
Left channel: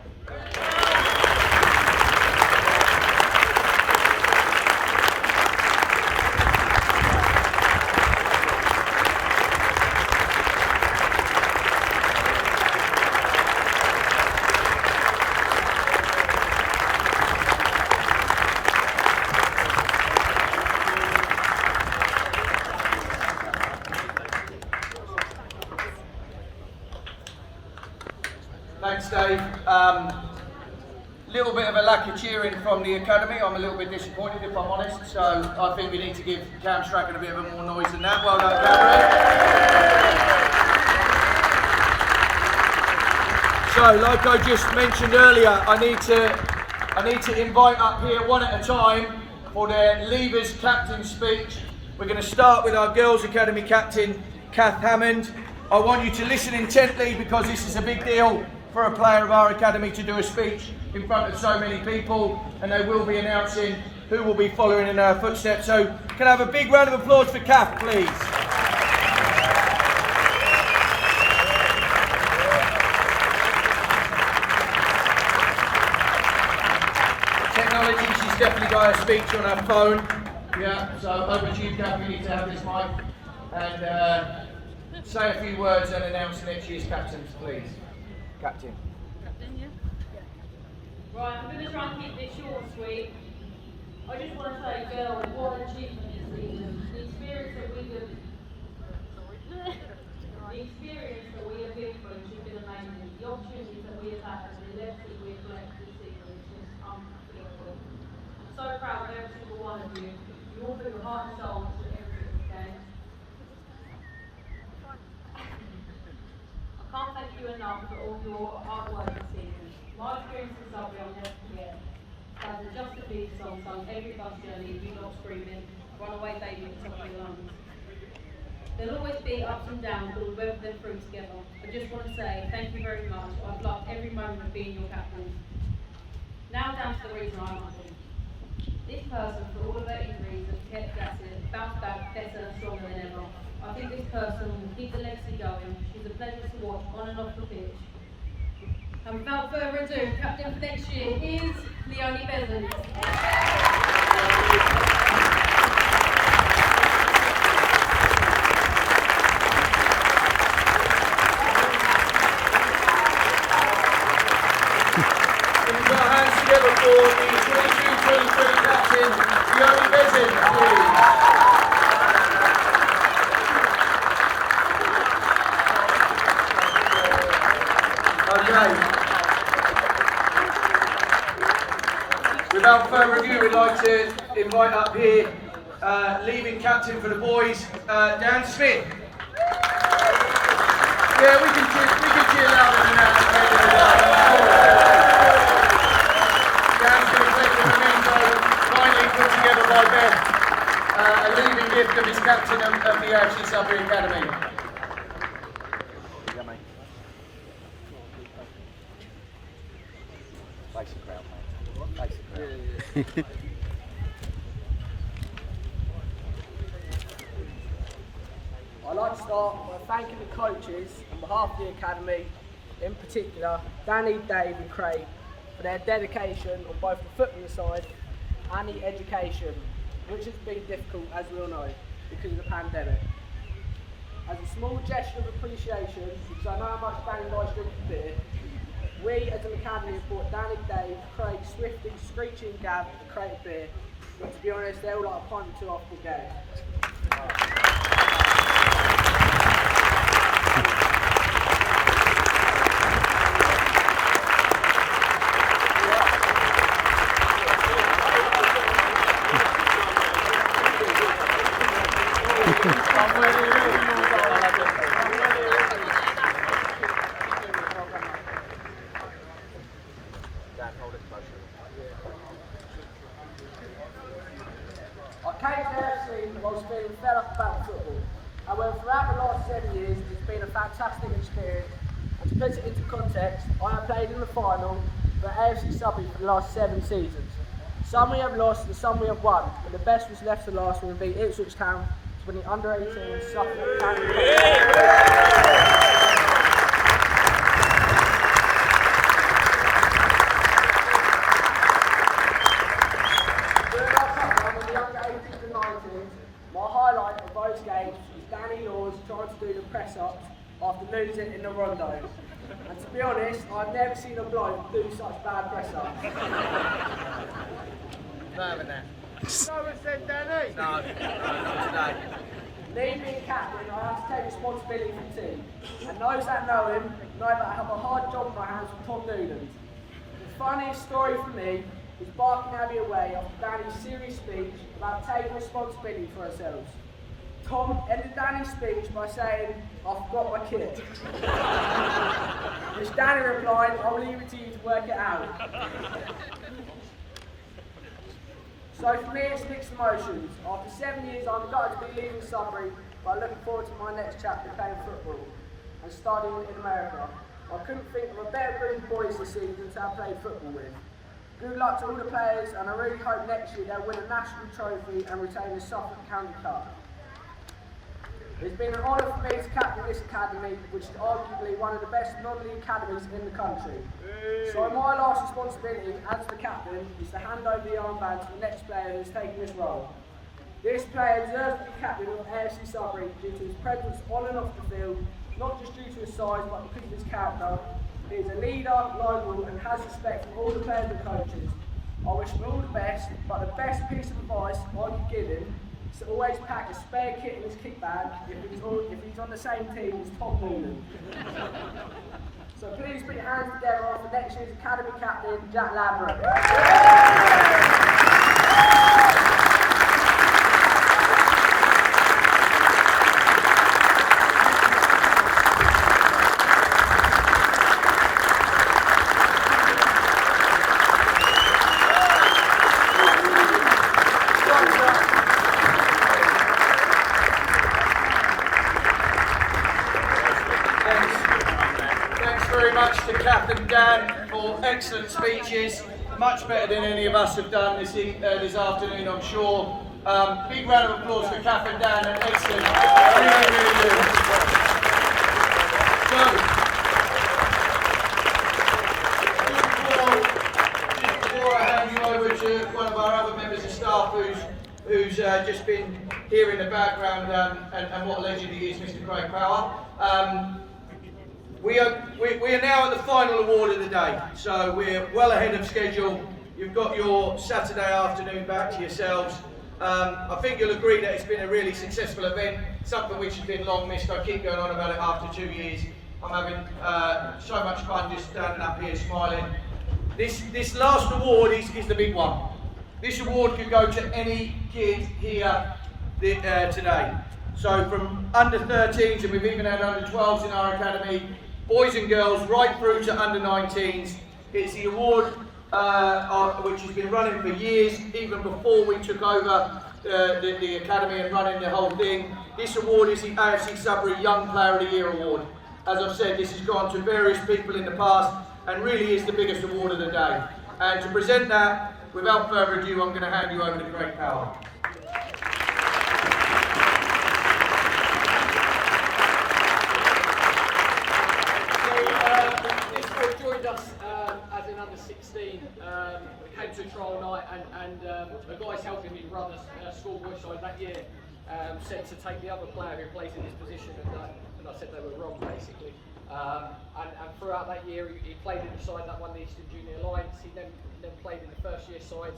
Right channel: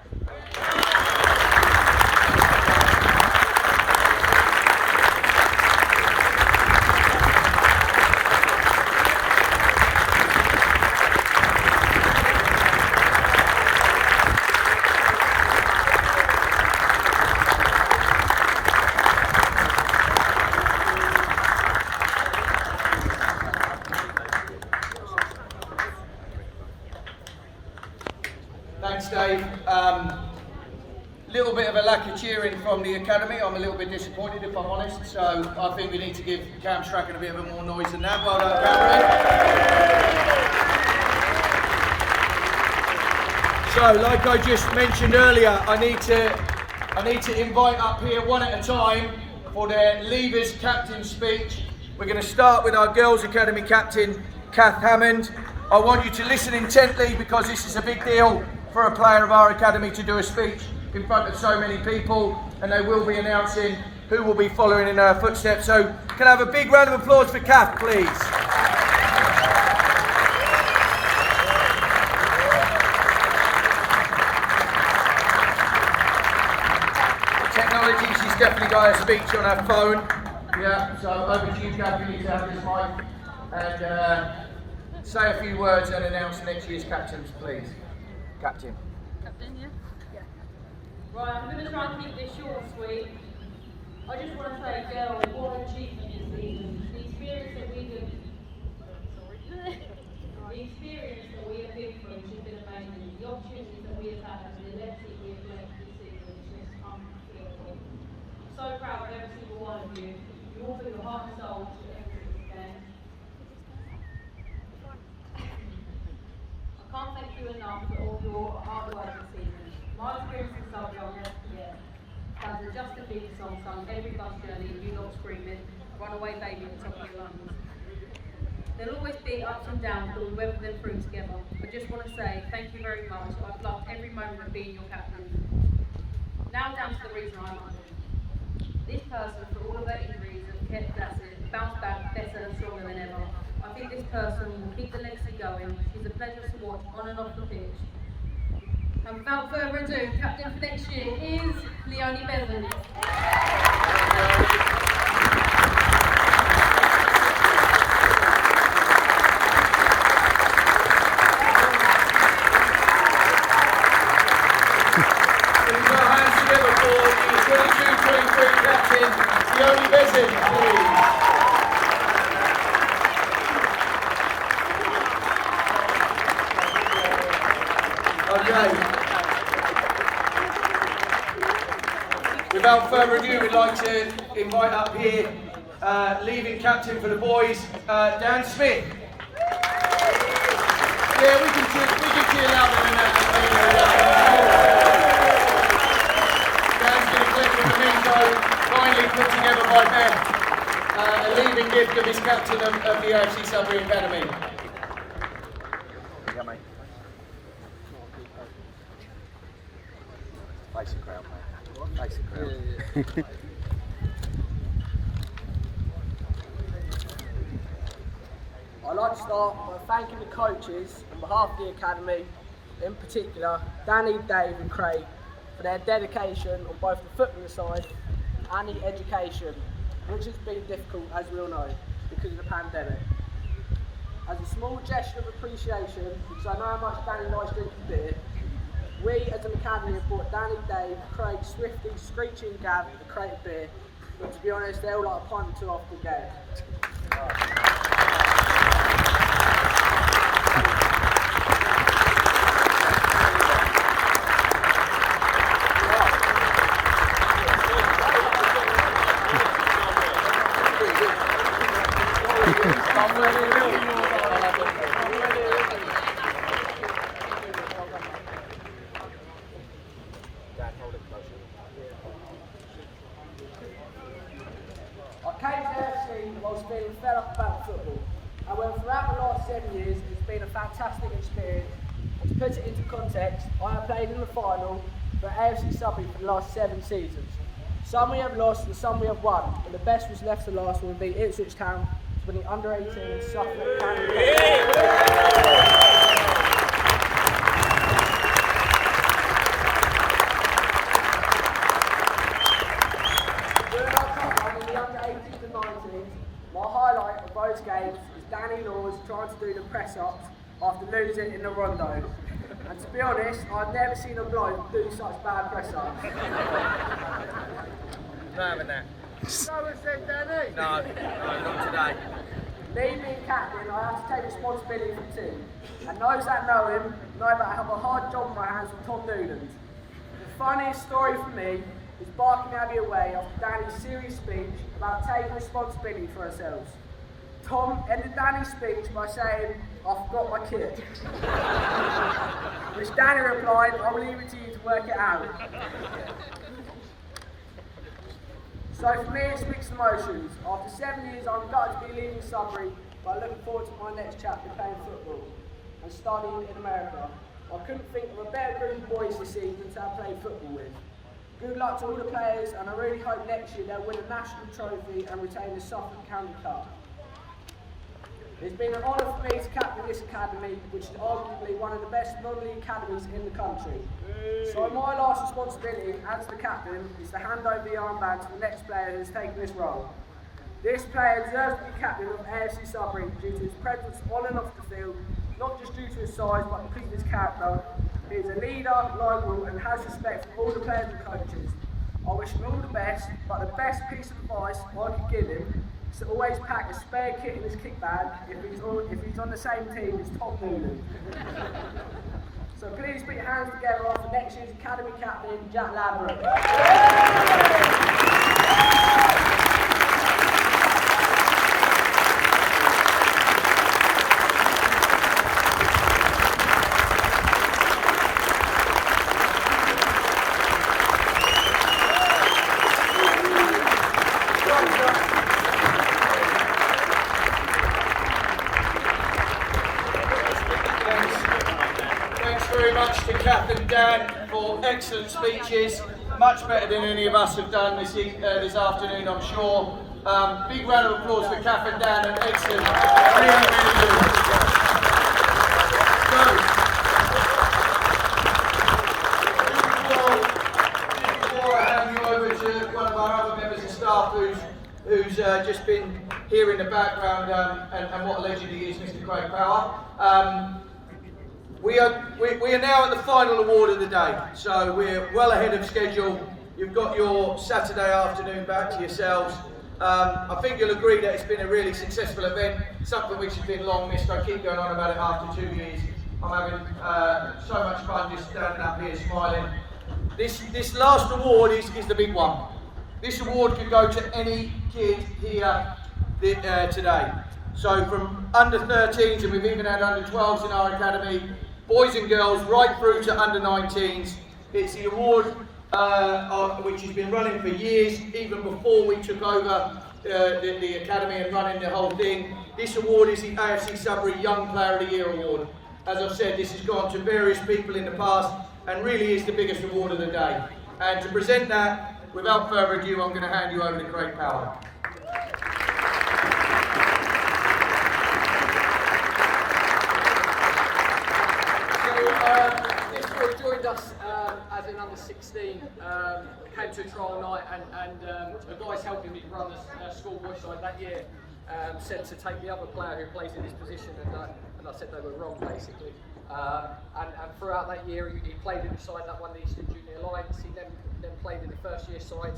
Thanks, Dave. Little bit of a lack of cheering from the academy. I'm a little bit disappointed, if I'm honest. So I think we need to give Cam Strachan a bit of a more noise than that. Well done, Cam. So, like I just mentioned earlier, I need to invite up here one at a time for their Leavers captain speech. We're going to start with our Girls Academy captain, Kath Hammond. I want you to listen intently because this is a big deal for a player of our academy to do a speech in front of so many people, and they will be announcing who will be following in her footsteps. So can I have a big round of applause for Kath, please? Technology, she's definitely got her speech on her phone. Yeah, so over to you, Kath. You need to have this mic and say a few words and announce next year's captains, please. Captain. Captain, yeah? Yeah. Right, I'm going to try and keep this short and sweet. I just want to say, girls, what an achievement this season. The experience that we have been through has been amazing. The opportunities that we have had and the lessons we have learned this season is just unbelievable. I'm so proud of every single one of you. You all put your heart and soul into every single game. I can't thank you enough for all your hard work this season. My experience in Sudbury I'll never forget. That's a Justin Bieber song sung every bus journey, you lot screaming, "Runaway Baby" at the top of your lungs. There'll always be ups and downs, but we'll weather them through together. I just want to say thank you very much. I've loved every moment of being your captain. Now down to the reason I'm on. This person, for all of her injuries, has kept at it, bounced back better and stronger than ever. I think this person will keep the legacy going. She's a pleasure to watch on and off the pitch. And without further ado, captain for next year is Leonie Bevan. Hands together for the 22-23 captain, Leonie Bevan, please. Okay. Without further ado, we'd like to invite up here leading captain for the boys, Dan Smith. Yeah, we can cheer louder than that. Dan's been a pleasure for me, so finally put together by Ben, a leaving gift of his captain of the AFC Sudbury Academy. Basic crowd, mate. Basic crowd. I'd like to start by thanking the coaches on behalf of the Academy, in particular Danny, Dave and Craig, for their dedication on both the footballing side and the education, which has been difficult, as we all know, because of the pandemic. As a small gesture of appreciation, because I know how much Danny likes drinking beer, we as an academy have brought Danny, Dave, Craig, Swifty, Screechy and Gav a crate of beer, but to be honest, they're all like a pint or two off the game. last 7 years, it's been a fantastic experience. And to put it into context, I have played in the final for AFC Sudbury for the last 7 seasons. Some we have lost and some we have won, but the best was left to last when we beat Ipswich Town to win the under-18 Suffolk County Cup. During our cup run in the under-18s and 19s, my highlight of those games was Danny Laws trying to do the press-ups after losing in the rondo. And to be honest, I've never seen a bloke do such bad press-ups. Someone said Danny. No, not today. Me being captain, I have to take responsibility for the team. And those that know him know that I have a hard job on my hands with Tom Newland. The funniest story for me is barking Abby away after Danny's serious speech about taking responsibility for ourselves. Tom ended Danny's speech by saying, "I forgot my kit." Which Danny replied, "I'll leave it to you to work it out." So for me, it's mixed emotions. After 7 years, I'm gutted to be leaving Sudbury, but looking forward to my next chapter playing football and studying in America. I couldn't think of a better group of boys this season to have played football with. Good luck to all the players, and I really hope next year they'll win a national trophy and retain the Suffolk County Cup. It's been an honour for me to captain this academy, which is arguably one of the best non-league academies in the country. So my last responsibility as the captain is to hand over the armband to the next player who has taken this role. This player deserves to be captain of AFC Sudbury due to his presence on and off the field, not just due to his size but because of his character. He is a leader, loyal and has respect for all the players and coaches. I wish him all the best, but the best piece of advice I could give him is to always pack a spare kit in his kick bag if he's on the same team as Tom Newland. So please put your hands together for next year's Academy Captain, Jack Ladbrokes. To Captain Dan for excellent speeches, much better than any of us have done this afternoon, I'm sure. Big round of applause for Captain Dan, and excellent, really, really good. So, before I hand you over to one of our other members of staff who's just been here in the background, and what a legend he is, Mr. Craig Power. We are now at the final award of the day, so we're well ahead of schedule. You've got your Saturday afternoon back to yourselves. I think you'll agree that it's been a really successful event, something which has been long missed. I keep going on about it after 2 years. I'm having so much fun just standing up here smiling. This last award is the big one. This award could go to any kid here today. So from under 13s, and we've even had under 12s in our academy, boys and girls, right through to under 19s. It's the award which has been running for years, even before we took over the academy and running the whole thing. This award is the AFC Sudbury Young Player of the Year award. As I've said, this has gone to various people in the past and really is the biggest award of the day. And to present that, without further ado, I'm going to hand you over to Craig Power. This boy joined us as an under 16, came to a trial night, and the guys helping me run a schoolboy side that year said to take the other player who plays in this position, and I said they were wrong basically. And throughout that year he played in the side that won the Eastern Junior Alliance. He then played in the first year side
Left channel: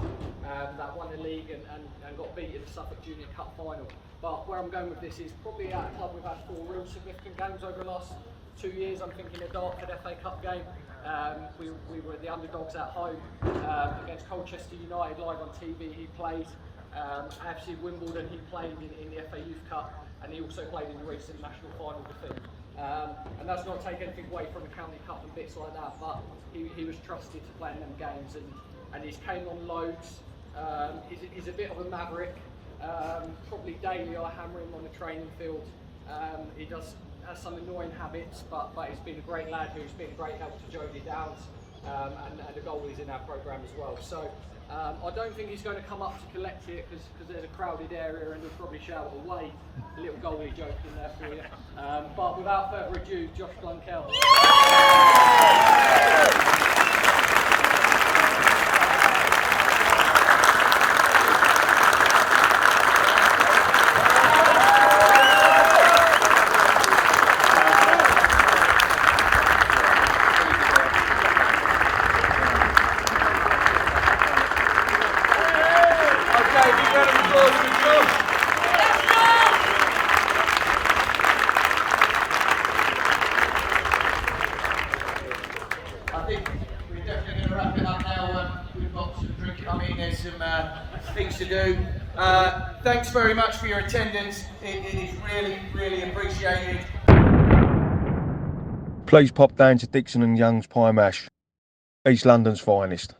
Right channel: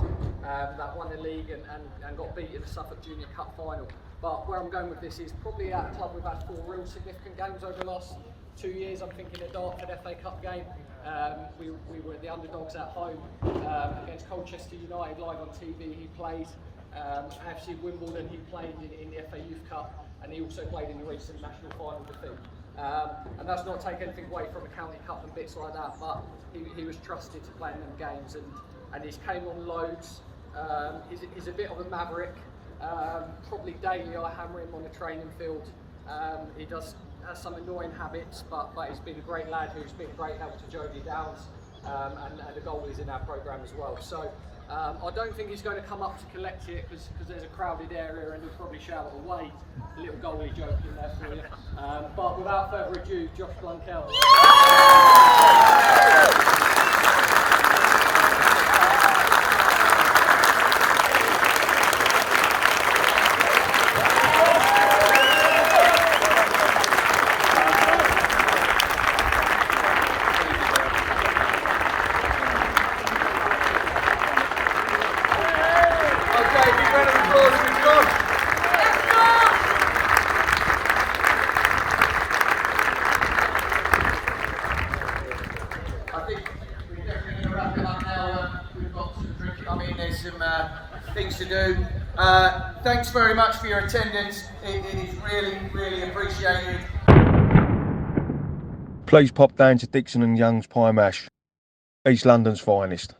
that won the league and got beat in the Suffolk Junior Cup final. But where I'm going with this is probably at a club we've had 4 real significant games over the last 2 years. I'm thinking the Dartford FA Cup game. We were the underdogs at home against Colchester United live on TV. He plays. AFC Wimbledon, he played in the FA Youth Cup, and he also played in the recent national final defeat. And that's not take anything away from the County Cup and bits like that, but he was trusted to play in them games, and he's came on loads. He's a bit of a maverick. Probably daily I hammer him on the training field. He has some annoying habits, but he's been a great lad who's been a great help to Jody Downs, and the goalie's in our programme as well. So I don't think he's going to come up to collect here because there's a crowded area and he'll probably shout away. A little goalie joke in there for you. But without further ado, Josh Blunkell. Okay, big round of applause for Josh. I think we're definitely going to wrap it up now. We've got some drinking. I mean, there's some things to do. Thanks very much for your attendance. It is really, really appreciated. Please pop down to Dixon and Young's Pie Mash, East London's finest.